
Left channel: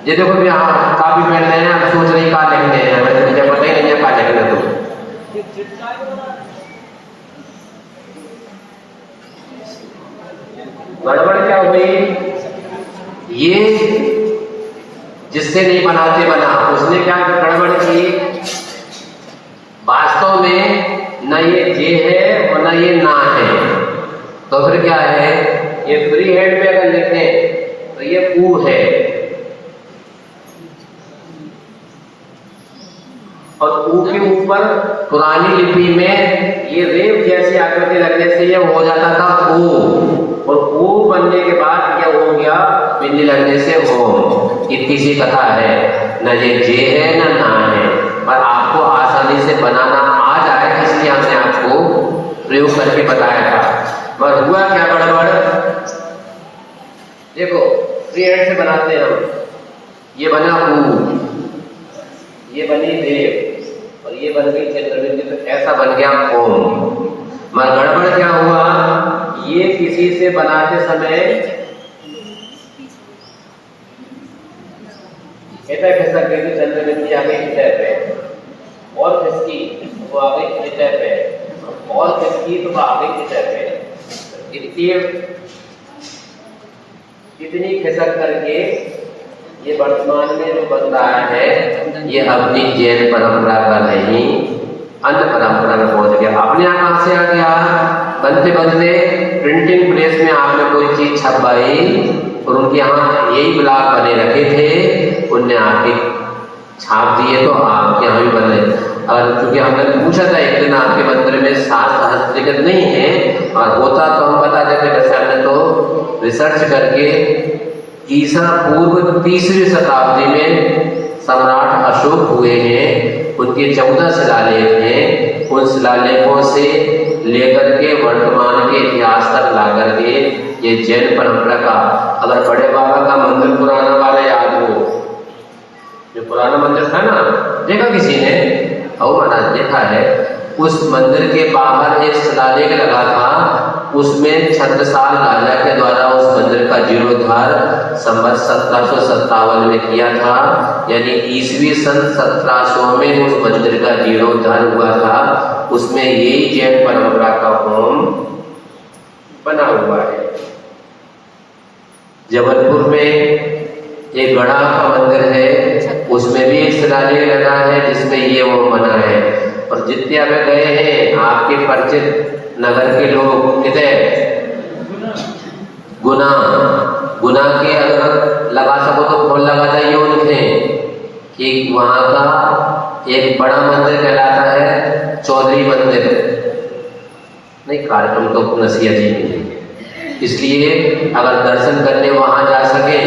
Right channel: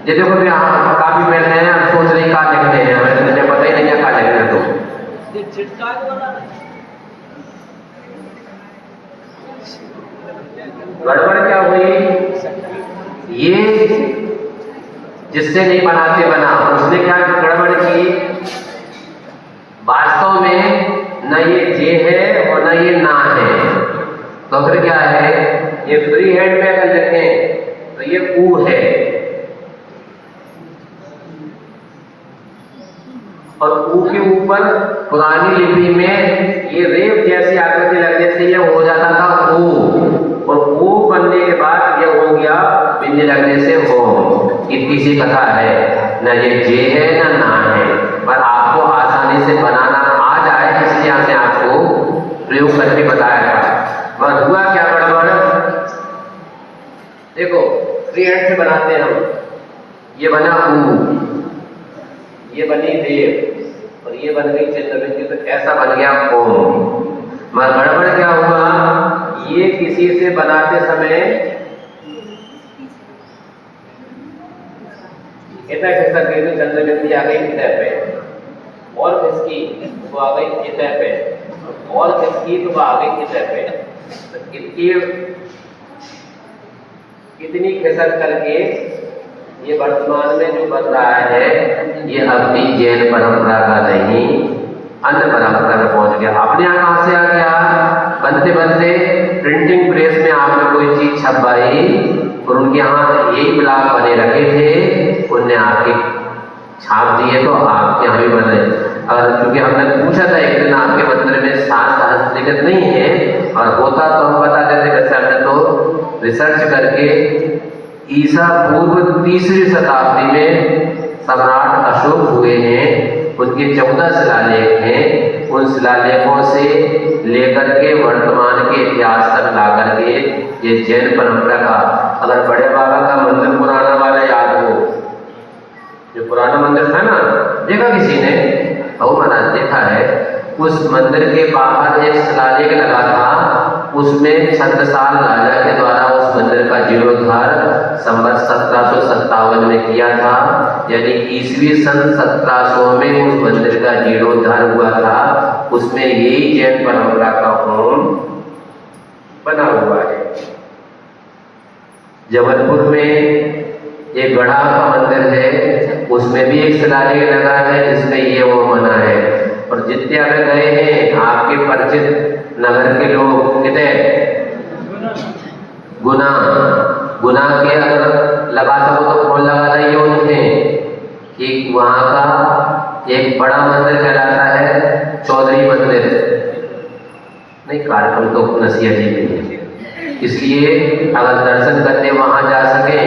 ये देखो भी काफी पहले हैं, सोच रही कहा लिखते हैं, हमें मुझे पता ही नहीं है कहा लिखते। तो गड़बड़ क्या हुई? ये जिससे नहीं बनाते बना, उसने क्या गड़बड़ की? वास्तव में न ये जे है और न ये ना है, तो फिर क्या है? ये फ्री हैंड में अगर लिखें तो ये ऊ है, और ऊ के ऊपर पुरानी लिपि में ये रेव जैसी आकृति लगने से ये हो जाता था ओ, और ओ बनने के बाद ये हो गया बिंदी लगने से हो। इतनी सी कथा है, न ये जे है ना है, पर आपको आसानी से बनाना आ जाए इसलिए हमने आपको प्रयोग करके बताया था। पर हुआ क्या गड़बड़? देखो फ्री हैंड से बनाते हैं हम, ये बना ऊ, ये बनी देव, और ये बन गई चंद्रबिंदी, तो ऐसा बन गया ओम। मगर गड़बड़ क्या हुआ? ये किसी से बनाते समय इतना खिसक गई तो चंद्रबिंदी आ गई इतने पे, और खिसकी वो आ गई इतने पे, और खिसकी तो वो आ गई इतने पे। इतनी खिसक करके ये वर्तमान में जो बन रहा है ये अपनी जैन परंपरा का नहीं, अन्य परंपरा में पहुंच गया। अपने यहाँ कहां से आ गया? बनते बनते प्रिंटिंग प्रेस में आपने कोई चीज छपवाई और उनके यहाँ यही ब्लॉक बने रखे थे, उनने आके छाप दिए तो आपके यहाँ भी बने। और चूंकि हमने पूछा था एक लेकिन आपके मंदिर में शास्त्र हस्तलिखित नहीं है, और होता तो हम बता देते। वैसे हमने तो रिसर्च करके ईसा पूर्व 3वीं शताब्दी में सम्राट अशोक हुए हैं, उनके 14 शिलालेख हैं। उन शिलालेखों से लेकर के वर्तमान के इतिहास तक ला करके ये जैन परंपरा का, अगर बड़े बाबा का मंदिर पुराना वाला याद हो, जो पुराना मंदिर था ना, देखा किसी ने? ओ महाराज देखा है। उस मंदिर के बाहर एक शिलालेख लगा था, उसमें छत्रसाल राजा के द्वारा उस मंदिर का जीर्णोद्धार संवत 1757 में किया था। यानी ईस्वी सन 1700 में उस मंदिर का जीर्णोद्धार हुआ था। उसमें यही जैन परंपरा का होम बना हुआ है। जबलपुर में एक गढ़ा का मंदिर है, उसमें भी एक शिलालेख लगा है जिसमें ये होम बना है। और जित्या में गए हैं आपके परिचित नगर के लोग, कितने गुना के अगर लगा सको तो फूल लगा जाइए उनके, कि वहाँ का एक बड़ा मंदिर कहलाता है चौधरी मंदिर। नहीं, कार्यक्रम तो नसिया जी में है, इसलिए अगर दर्शन करने वहाँ जा सके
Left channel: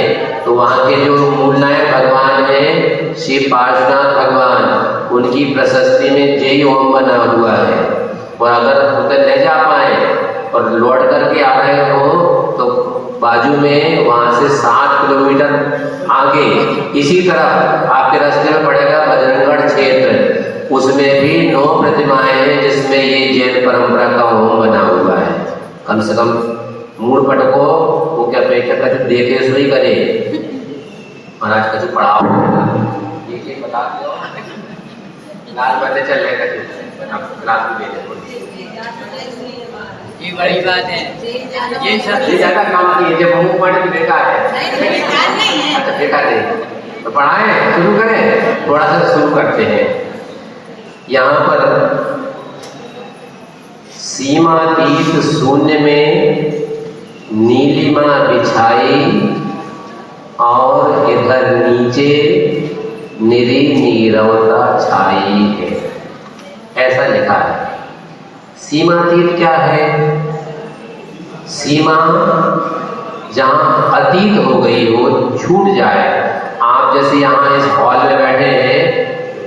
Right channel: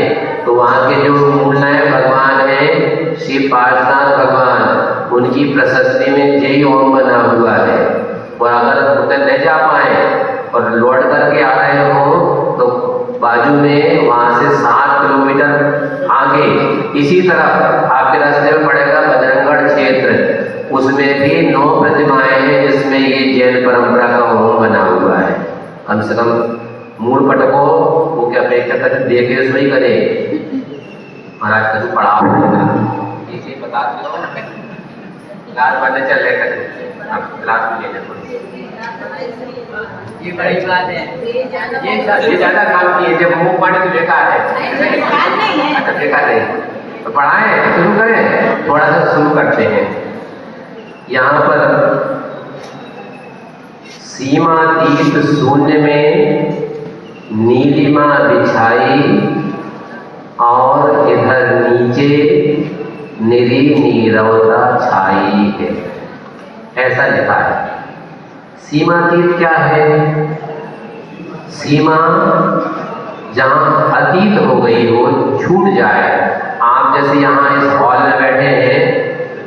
तो वहाँ के जो मूलनायक भगवान हैं श्री पार्श्वनाथ भगवान, उनकी प्रशस्ति में जय ओम बना हुआ है। और अगर उधर नहीं जा पाए और लौट करके आ रहे हो तो बाजू में वहाँ से 7 किलोमीटर आगे इसी तरह आपके रास्ते में पड़ेगा बजरंगगढ़ क्षेत्र, उसमें भी 9 प्रतिमाएं हैं जिसमें ये जैन परंपरा का होम बना हुआ है। कम से कम मूल पटको वो क्या अपेक्षा कर देखे सोई करे। महाराज का जो पढ़ाओ ये बता दो, क्लास बनने चल रहे कभी आप क्लास में ये बड़ी बात है। ये ज्यादा काम नहीं है, जब मुंह पढ़ के बेकार है। अच्छा बेकार नहीं तो पढ़ाएं, शुरू करें, थोड़ा सा शुरू करते हैं। यहाँ पर सीमातीत शून्य में नीलिमा बिछाई और इधर नीचे निरी नीरवता छाई है, ऐसा लिखा है। सीमातीत क्या है? सीमा जहाँ अतीत हो गई हो, छूट जाए। आप जैसे यहाँ इस हॉल में बैठे हैं,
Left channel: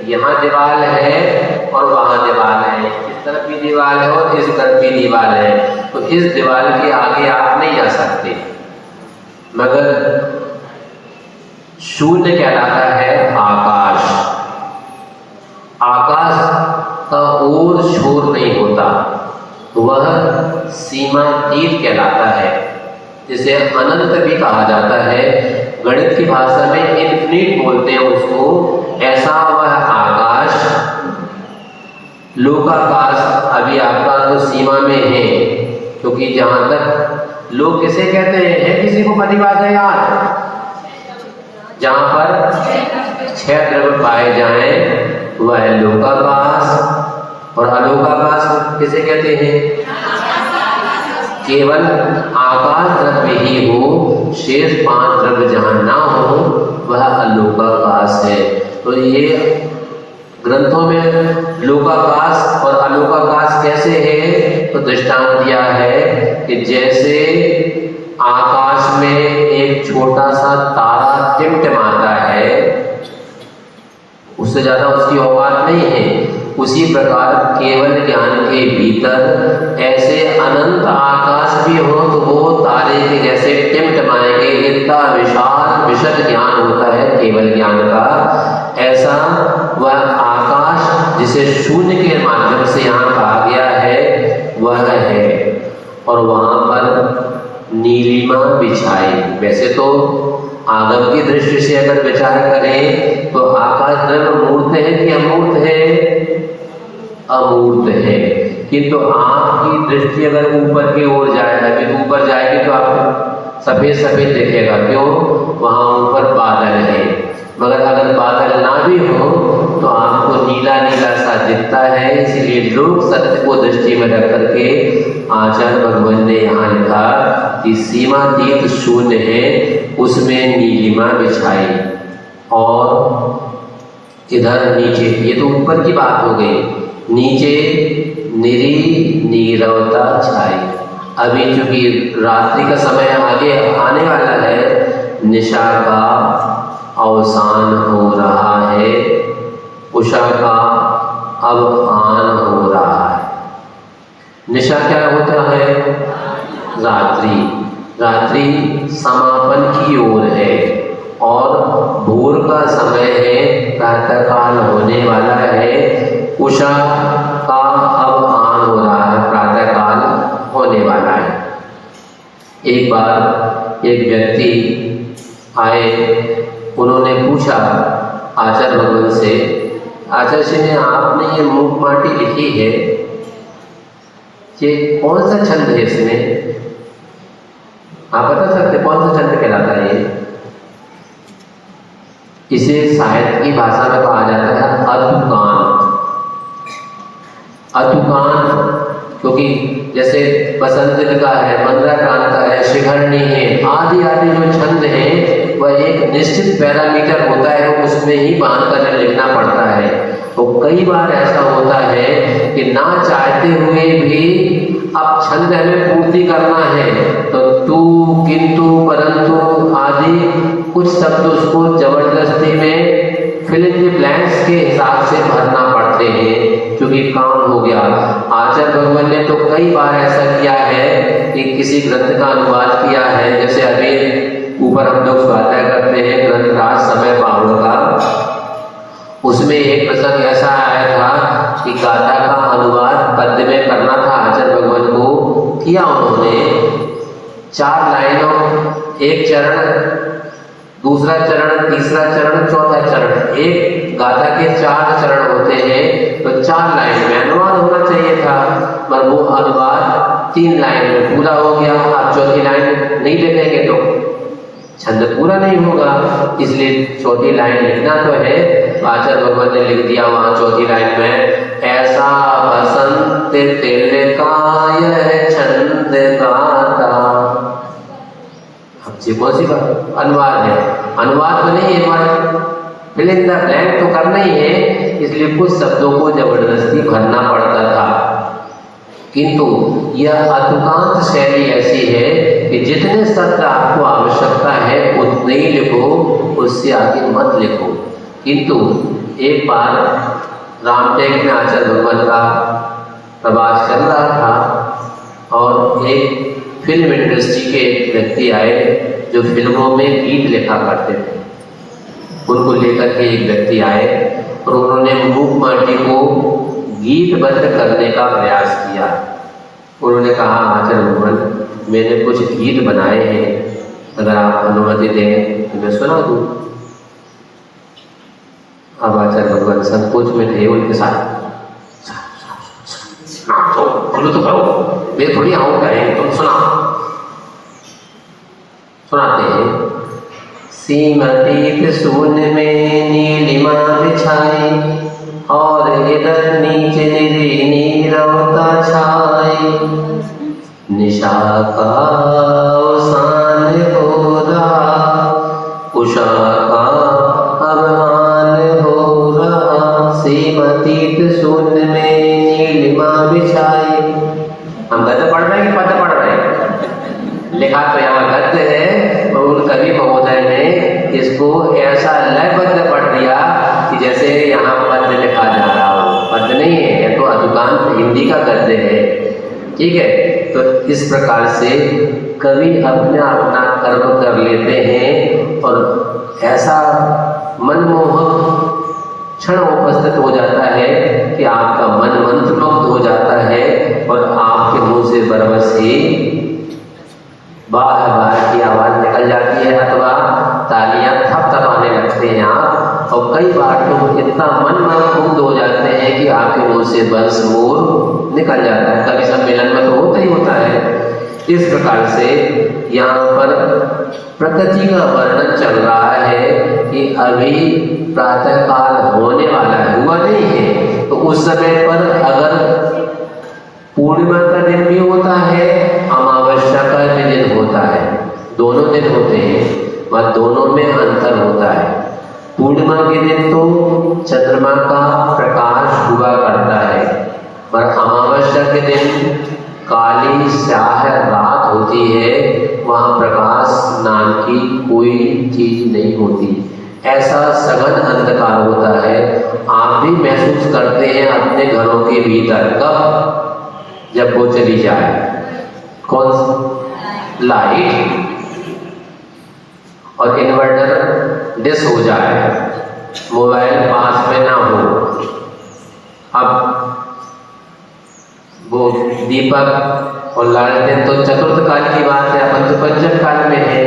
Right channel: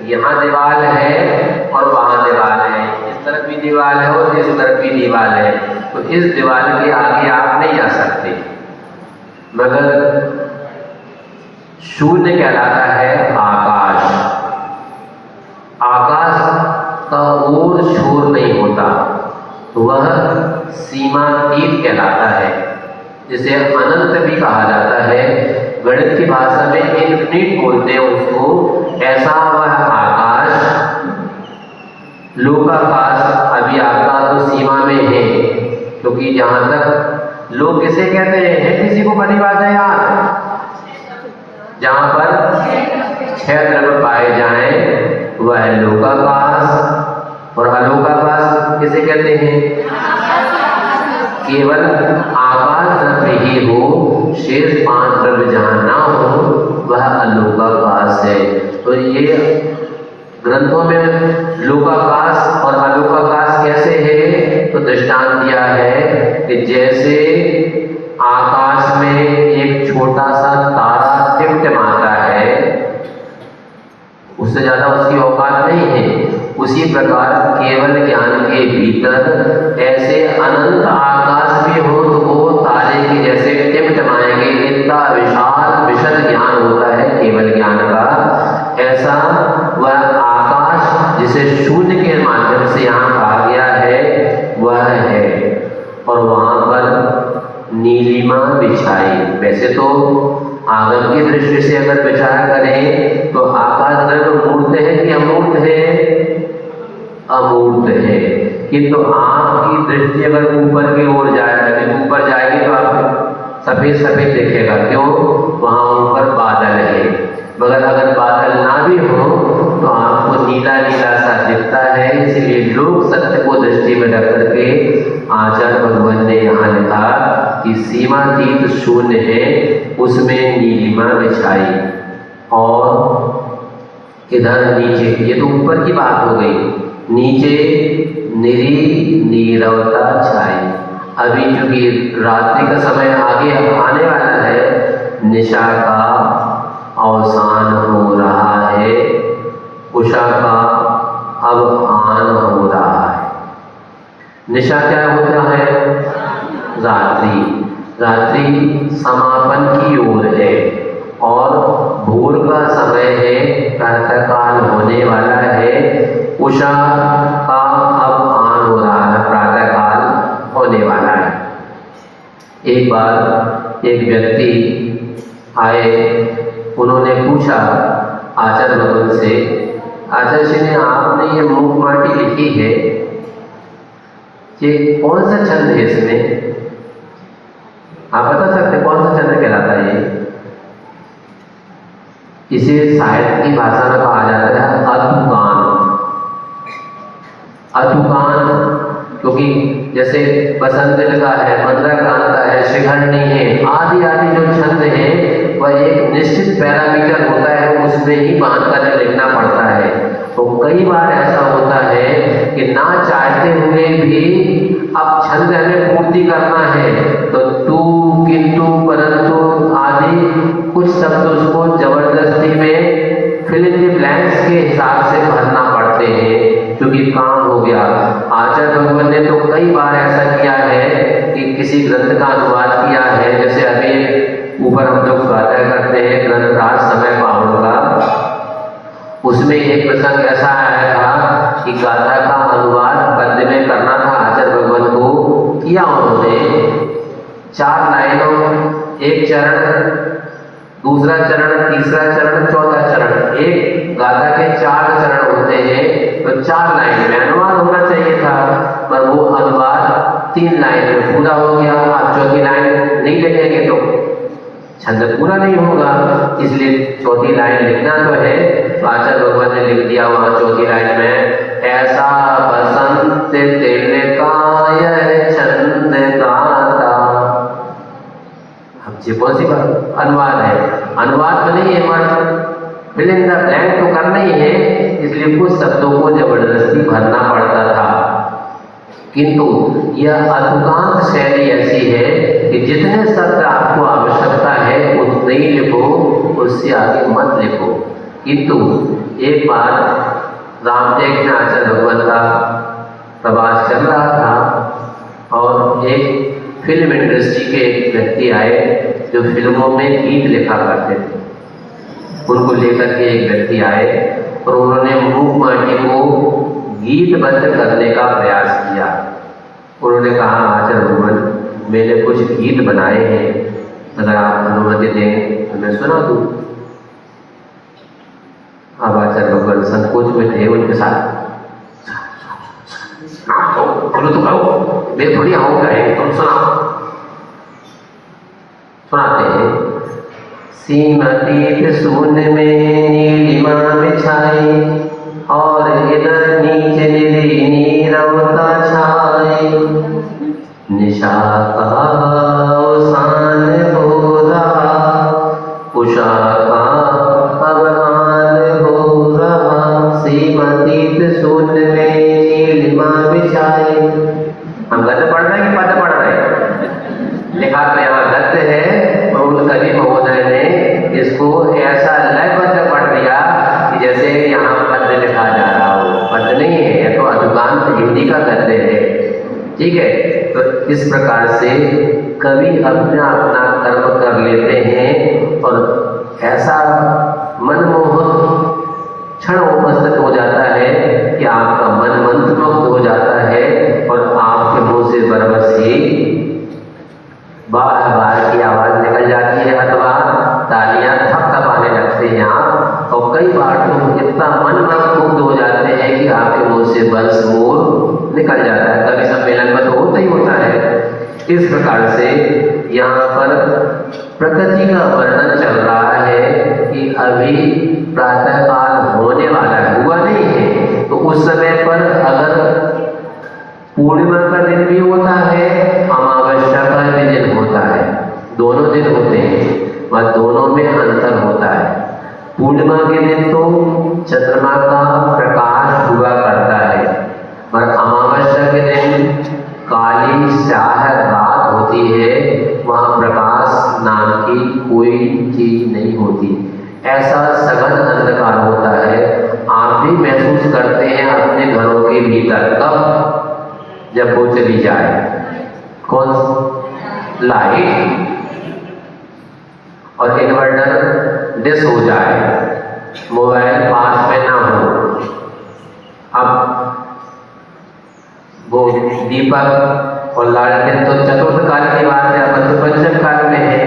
यहाँ दीवार है और वहाँ दीवार है, इस तरफ भी दीवार है और इस तरफ भी दीवार है, तो इस दीवार के आगे आप नहीं जा सकते। मगर शून्य कहलाता है आकाश। आकाश का और छोर नहीं होता, तो वह सीमातीत कहलाता है, जिसे अनंत भी कहा जाता है। गणित की भाषा में इन्फिनिट बोलते हैं उसको। ऐसा वह आकाश, लोकाकाश अभी आपका तो सीमा में है, क्योंकि जहाँ तक लोग किसे कहते हैं किसी को परिभाषा याद, जहाँ पर 6 द्रव्य पाए जाएं वह है लोकाकाश। और अलोकाकाश किसे कहते हैं? केवल आकाश द्रव्य ही हो, शेष 5 द्रव्य जहाँ ना हो वह अलोकाकाश है। तो ये ग्रंथों में लोकाकाश और अलोकाकाश कैसे है तो दृष्टांत दिया है कि जैसे आकाश में एक छोटा सा तारा टिमटिमाता है, उससे ज्यादा उसकी औकात नहीं है, उसी प्रकार केवल ज्ञान के भीतर ऐसे अनंत आकाश भी हो तो वो तारे के जैसे टिमटिमाएंगे। इनका विशाल विशद ज्ञान होता है केवल ज्ञान का। ऐसा वह आकाश जिसे शून्य के माध्यम से यहाँ कहा गया है वह है। और वहाँ पर नीलिमा बिछाई। वैसे तो आगम की दृष्टि से अगर विचार करें तो आकाश द्रव्य मूर्त है कि अमूर्त है? अमूर्त है। किंतु आपकी दृष्टि अगर ऊपर की ओर जाए, अभी ऊपर जाएगी तो आपको सफेद सफेद दिखेगा, क्यों? वहाँ ऊपर बादल है। मगर अगर बादल ना भी हो तो आपको नीला नीला सा दिखता है। इसलिए लोग सत्य को दृष्टि में रख करके आचार्य भगवान ने यहाँ लिखा कि सीमातीत शून्य है, उसमें नीलिमा बिछाई। और इधर नीचे, ये तो ऊपर की बात हो गई, नीचे नीरवता छाई। अभी चूंकि रात्रि का समय आगे आने वाला है, निशा का अवसान हो रहा है, उषा का अब आन हो रहा है। निशा क्या होता है? रात्रि। रात्रि समापन की ओर है और भोर का समय है, प्रातःकाल होने वाला है। उषा का अब आन हो रहा है, प्रातःकाल होने वाला है। एक बार एक व्यक्ति आए, उन्होंने पूछा आचार्य भगवान से, आचार्य जी ने आपने ये मूक माटी लिखी है, ये कौन सा छंद है? इसमें आप बता सकते कौन सा छंद कहलाता है? इसे साहित्य की भाषा में कहा जाता है अतुकान। अतुकान क्योंकि जैसे बसंत का है, मंदाक्रांत का है, श्रीघरणी है, आदि आदि जो छंद हैं वह एक निश्चित पैरामीटर होता है, उसमें ही बांध कर लिखना पड़ता है। तो कई बार ऐसा होता है कि ना चाहते हुए भी अब छंद हमें पूर्ति करना है, तो तू, किंतु, परंतु आदि कुछ शब्द उसको जबरदस्ती में फिल इन द ब्लैंक्स के हिसाब से भरना पड़ते हैं, क्योंकि काम हो गया। आचार्य भगवान ने तो कई बार ऐसा किया है कि किसी ग्रंथ का अनुवाद किया है, जैसे अभी ऊपर हम लोग स्वाध्याय करते हैं ग्रंथ राज समय पहाड़ों का, उसमें एक प्रसंग ऐसा आया था कि गाथा का अनुवाद पद्य में करना था। आचार्य भगवान को किया उन्होंने 4 लाइनों, एक चरण, दूसरा चरण, तीसरा चरण, चौथा चरण, एक गाथा के 4 चरण होते हैं, तो 4 लाइन में अनुवाद होना चाहिए था, पर वो अनुवाद 3 लाइन में पूरा हो गया। आप चौथी लाइन नहीं लिखेंगे तो छंद पूरा नहीं होगा, इसलिए चौथी लाइन लिखना तो है। तो आचार्य भगवान ने लिख दिया वहां चौथी लाइन में, ऐसा बसंत तिलकाय छंद गाता। अब जी कौन सी बात अनुवाद है? अनुवाद तो नहीं है, पर फिल इन द ब्लैंक तो करना ही है, इसलिए कुछ शब्दों को जबरदस्ती भरना पड़ता था। किंतु यह अतुकांत शैली ऐसी है कि जितने शब्द आपको आवश्यकता है उतने ही लिखो, उससे आगे मत लिखो। किंतु एक बार रामटेक में आचार्य भगवान का प्रवास चल रहा था और एक फिल्म इंडस्ट्री के एक व्यक्ति आए जो फिल्मों में गीत लिखा करते थे। उनको लेकर के एक व्यक्ति आए और उन्होंने मूक माटी को गीतबद्ध करने का प्रयास किया। उन्होंने कहा, आचार्य भगवान मैंने कुछ गीत बनाए हैं, अगर आप अनुमति दें तो मैं सुना दूँ। अब आचार्य भगवान संकोच में थे उनके साथ, तो बोलो तो करो, मैं थोड़ी आऊँगा, तुम सुनाओ। सुनाते हैं, सीमतीत सून में नीलिमा बिछाई और इधर नीचे निरी नीरवता छाई। निशा का अवसान हो रहा, उषा का अब आन हो रहा। सीमतीत सून में नीलिमा बिछाई। हम गद्य पढ़ रहे हैं कि पद्य पढ़ रहे हैं? लिखा तो यहाँ गद्य है, और उन कवि महोदय ने इसको ऐसा लयबद्ध पढ़ दिया कि जैसे यहाँ पद्य लिखा जा रहा हो। पद्य नहीं है, यह तो अधुकांत हिंदी का गद्य है, ठीक है। तो इस प्रकार से कवि अपना अपना कर्म कर लेते हैं और ऐसा मनमोहक क्षण उपस्थित हो जाता है कि आपका मन मंत्रमुग्ध हो जाता है और आपके मुंह से बरबस ही बार बार की आवाज निकल जाती है अथवा तालियां थपथपाने लगते हैं आप। और कई बार तो इतना मन मुग्ध हो जाते हैं कि आपके मुंह से बंस मोर निकल जाता है। कभी सम्मेलन में तो होता ही होता है। इस प्रकार से यहाँ पर प्रकृति का वर्णन चल रहा है कि अभी प्रातःकाल होने वाला है, हुआ नहीं है। तो उस समय पर अगर पूर्णिमा का दिन भी होता है, अमावस्या का भी दिन होता है, दोनों दिन होते हैं, वह दोनों में अंतर होता है। पूर्णिमा के दिन तो चंद्रमा का प्रकाश हुआ करता है, पर अमावस्या अपने घरों के भीतर। कब? जब वो चली जाए। कौन? लाइट और इन्वर्टर डिस हो जाए, मोबाइल पास में ना हो। अब वो दीपक और लालटेन तो चतुर्थ काल की बात है, अपन तो पंचम काल में है।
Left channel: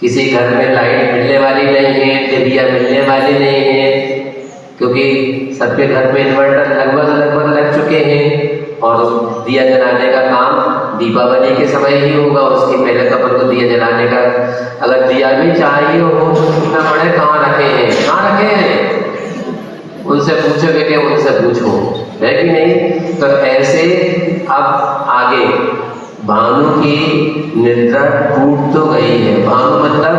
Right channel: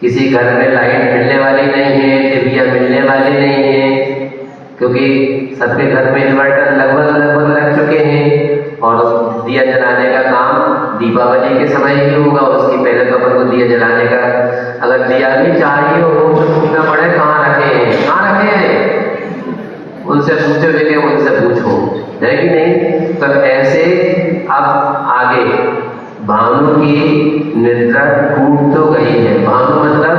किसी घर में लाइट मिलने वाली नहीं है, टीवी मिलने वाली नहीं है, क्योंकि सबके घर में इन्वर्टर लगभग लग चुके हैं। और दिया जलाने का काम दीपावली के समय ही होगा, उसके पहले तो अपन को दिया जलाने का, अगर दिया भी चाहिए हो पूछना पड़े कहाँ रखे हैं, उनसे पूछोगे कि उनसे पूछो, है कि नहीं? तो ऐसे अब आगे भानु की निद्रा टूट तो गई है। भानु मतलब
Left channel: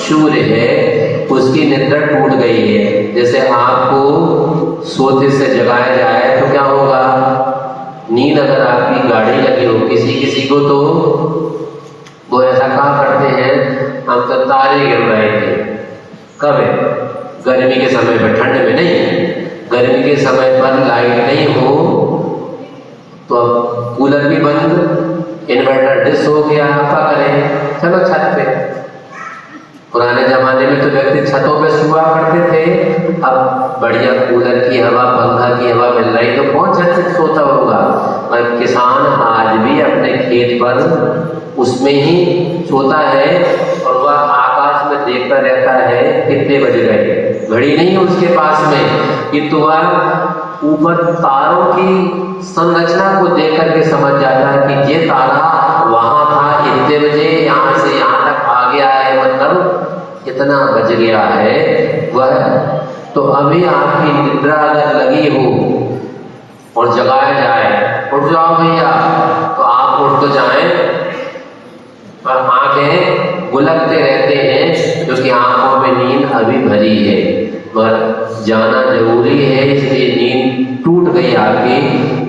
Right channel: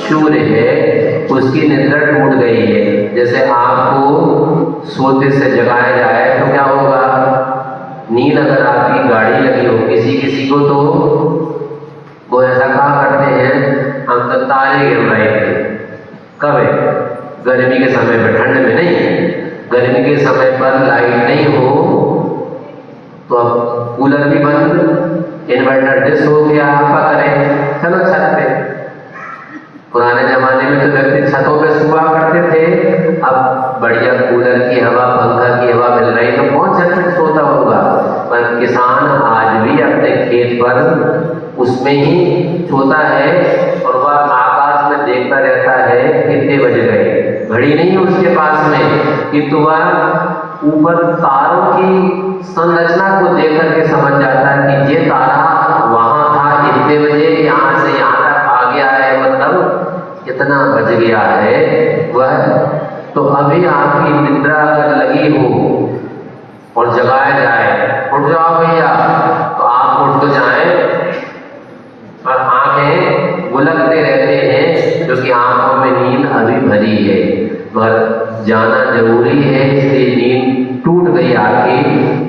सूर्य है, उसकी निद्रा टूट गई है। जैसे आपको सोते से जगाया जाए तो क्या होगा? नींद अगर आपकी गाड़ी लगी हो, किसी को तो वो ऐसा कहा करते हैं, हम तो तारे गिर रहे थे। कब है? गर्मी के समय पर, ठंड में नहीं। गर्मी के समय पर लाइट नहीं हो तो अब कूलर भी बंद, इन्वर्टर डिस हो गया, आपका करें, चलो छत पे। पुराने जमाने में तो व्यक्ति छतों पे सुबह करते थे, अब बढ़िया कूलर की हवा, पंखा की हवा मिल रही तो कौन छत पे सोता होगा? पर किसान आज भी अपने खेत पर उसमें ही सोता है और वह आकाश में देखता रहता है कितने बज गए। घड़ी नहीं है उसके पास में, किंतु वह ऊपर तारों की संरचना को देख करके समझ जाता है कि ये तारा वहां था इतने बजे, यहाँ से यहाँ तक आ गया है, मतलब इतना बज गया है वह। तो अभी आपकी निद्रा अगर लगी हो और जगाया जाए, उठ जाओ भैया, तो आप उठ तो जाएं, पर आंखें गुलकते रहते हैं क्योंकि आंखों में नींद अभी भरी है, मगर जाना जरूरी है, इसलिए नींद टूट गई आपकी।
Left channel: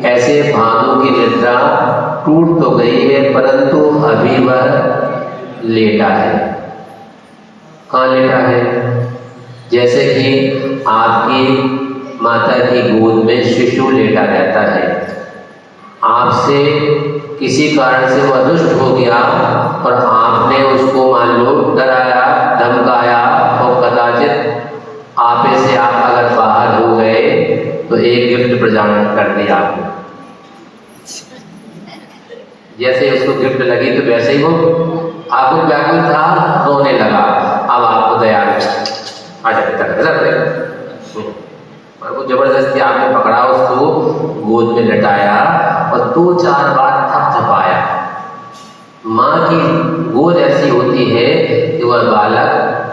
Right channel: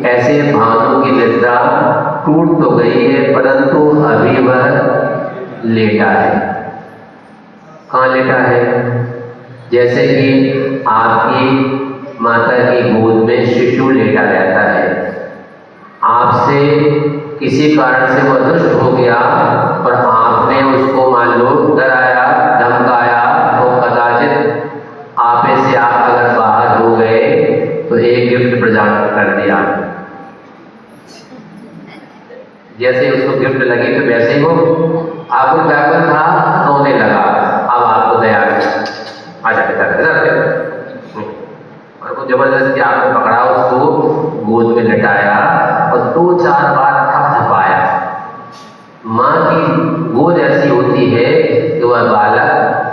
ऐसे भानु की निद्रा टूट तो गई है, परंतु अभी वह लेटा है। कहाँ लेटा है? जैसे कि आपकी माता की गोद में शिशु लेटा रहता है, आपसे किसी कारण से वह दुष्ट हो गया और आपने उसको मान लो डराया, धमकाया, तो कदाचित आपे से आप अगर बाहर हो गए तो एक गिफ्ट प्रदान कर दिया। जैसे उसको गिफ्ट लगी तो वैसे ही वो आपको व्याकुल था, रोने लगा, अब आपको दया और वो जबरदस्ती आपने पकड़ा, उसको गोद में लटाया और 2-4 बार थपथपाया। माँ की गोद ऐसी होती है कि वह बालक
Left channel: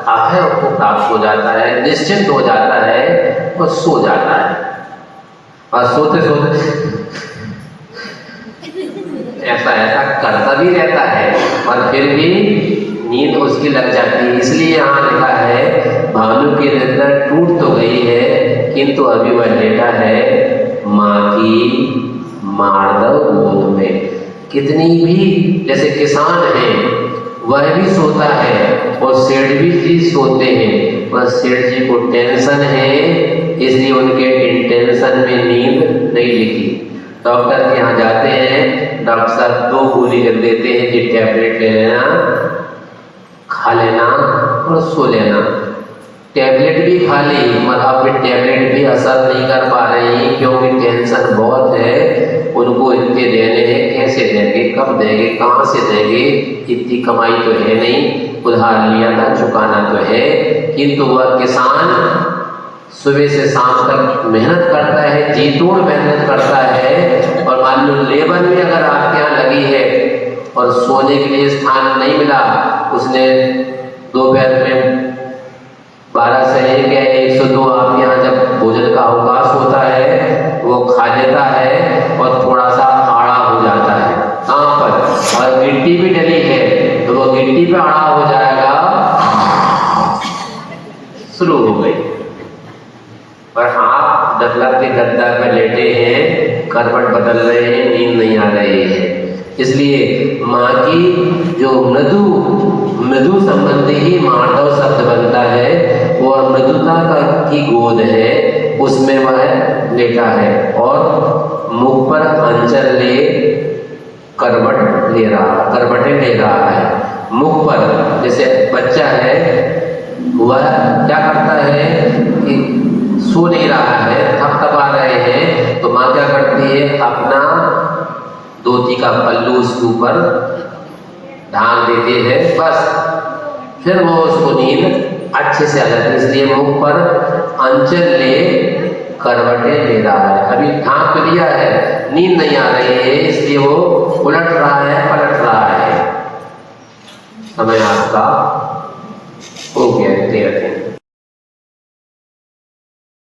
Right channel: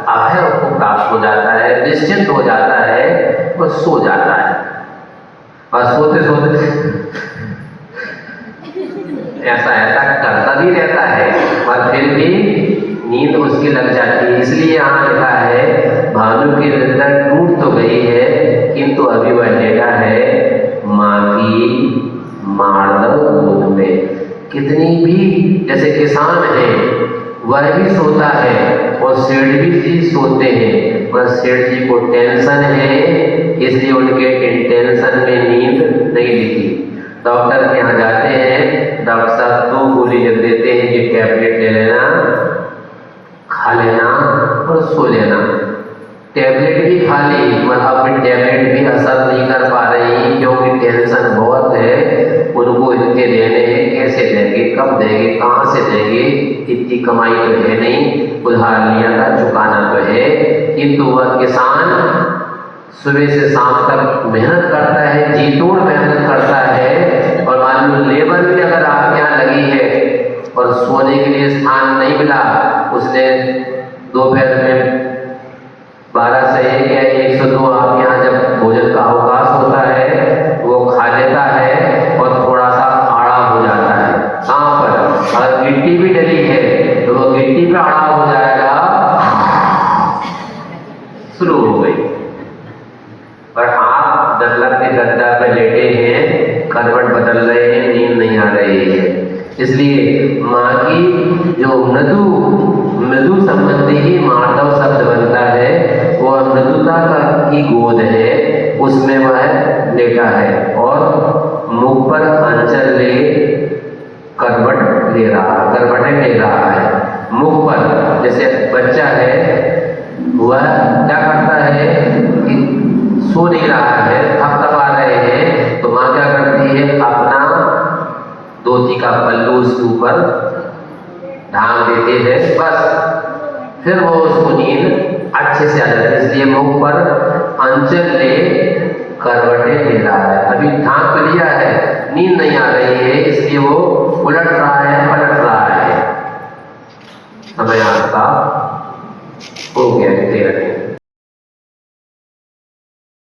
अभय को प्राप्त हो जाता है, निश्चिंत हो जाता है और सो जाता है। और सोते सोते ऐसा करता भी रहता है और फिर भी नींद उसकी लग जाती है। इसलिए यहाँ लिखा है भानु की निद्रा टूट तो गई है, किंतु अभी वह लेटा है माँ की मार्दव गोद में। कितनी भी, जैसे किसान है वह भी सोता है और सेठ भी सोते हैं, पर सेठ जी को टेंशन है, इसलिए उनके टेंशन में नींद नहीं लिखी। डॉक्टर के यहाँ जाते हैं, डॉक्टर साहब 2 गोली लिख देते हैं कि टैबलेट ले लेना, खा लेना और सो लेना। टैबलेट भी खा ली, पर अब टैबलेट भी असर नहीं कर पा रही, क्योंकि टेंशन बहुत है। उनको इनके देने हैं, कैसे देंगे, कब देंगे, कहाँ से देंगे, इतनी कमाई तो है नहीं, उधार लिया था चुकाना तो है। किंतु वह किसान सुबह से शाम तक मेहनत करता है, जी तोड़ मेहनत करता है, और मान लो लेबर भी अगर आपके यहाँ लगी है और सोने के लिए स्थान नहीं मिला, उसने दोपहर में 12 से 1 या 1 से 2 आपके यहाँ जब भोजन का अवकाश होता है वो खा लेता है और थोड़ा सा आड़ा हो जाता है। कहाँ पर? अगर गिट्टी भी डली है तो वो गिट्टी पे आड़ा हो जाएगा, शुरू हो गई। पर आप दरलत के गद्दा पे लेटे हैं, करवट बदल रहे हैं, नींद नहीं आ रही है। इसलिए माँ की जो मृदु संबंधी ही मार्दव शब्द बनता है, और मृदुता की गोद है, उसमें वह लेटा है और मुख पर अंचल ले करवटें ले रहा है। मुख पर, जैसे बच्चा है वह क्या करता है कि सो नहीं रहा है, थपथपा रहे हैं, तो माँ क्या करती है, अपना धोती का पल्लू उसके ऊपर ढांक देती है, बस फिर वो उसको नींद अच्छे से आ जाती है। इसलिए मुख पर अंचल ले करवटें ले रहा है। अभी ढांक लिया है, नींद नहीं आ रही है, इसलिए वो उलट रहा है, पलट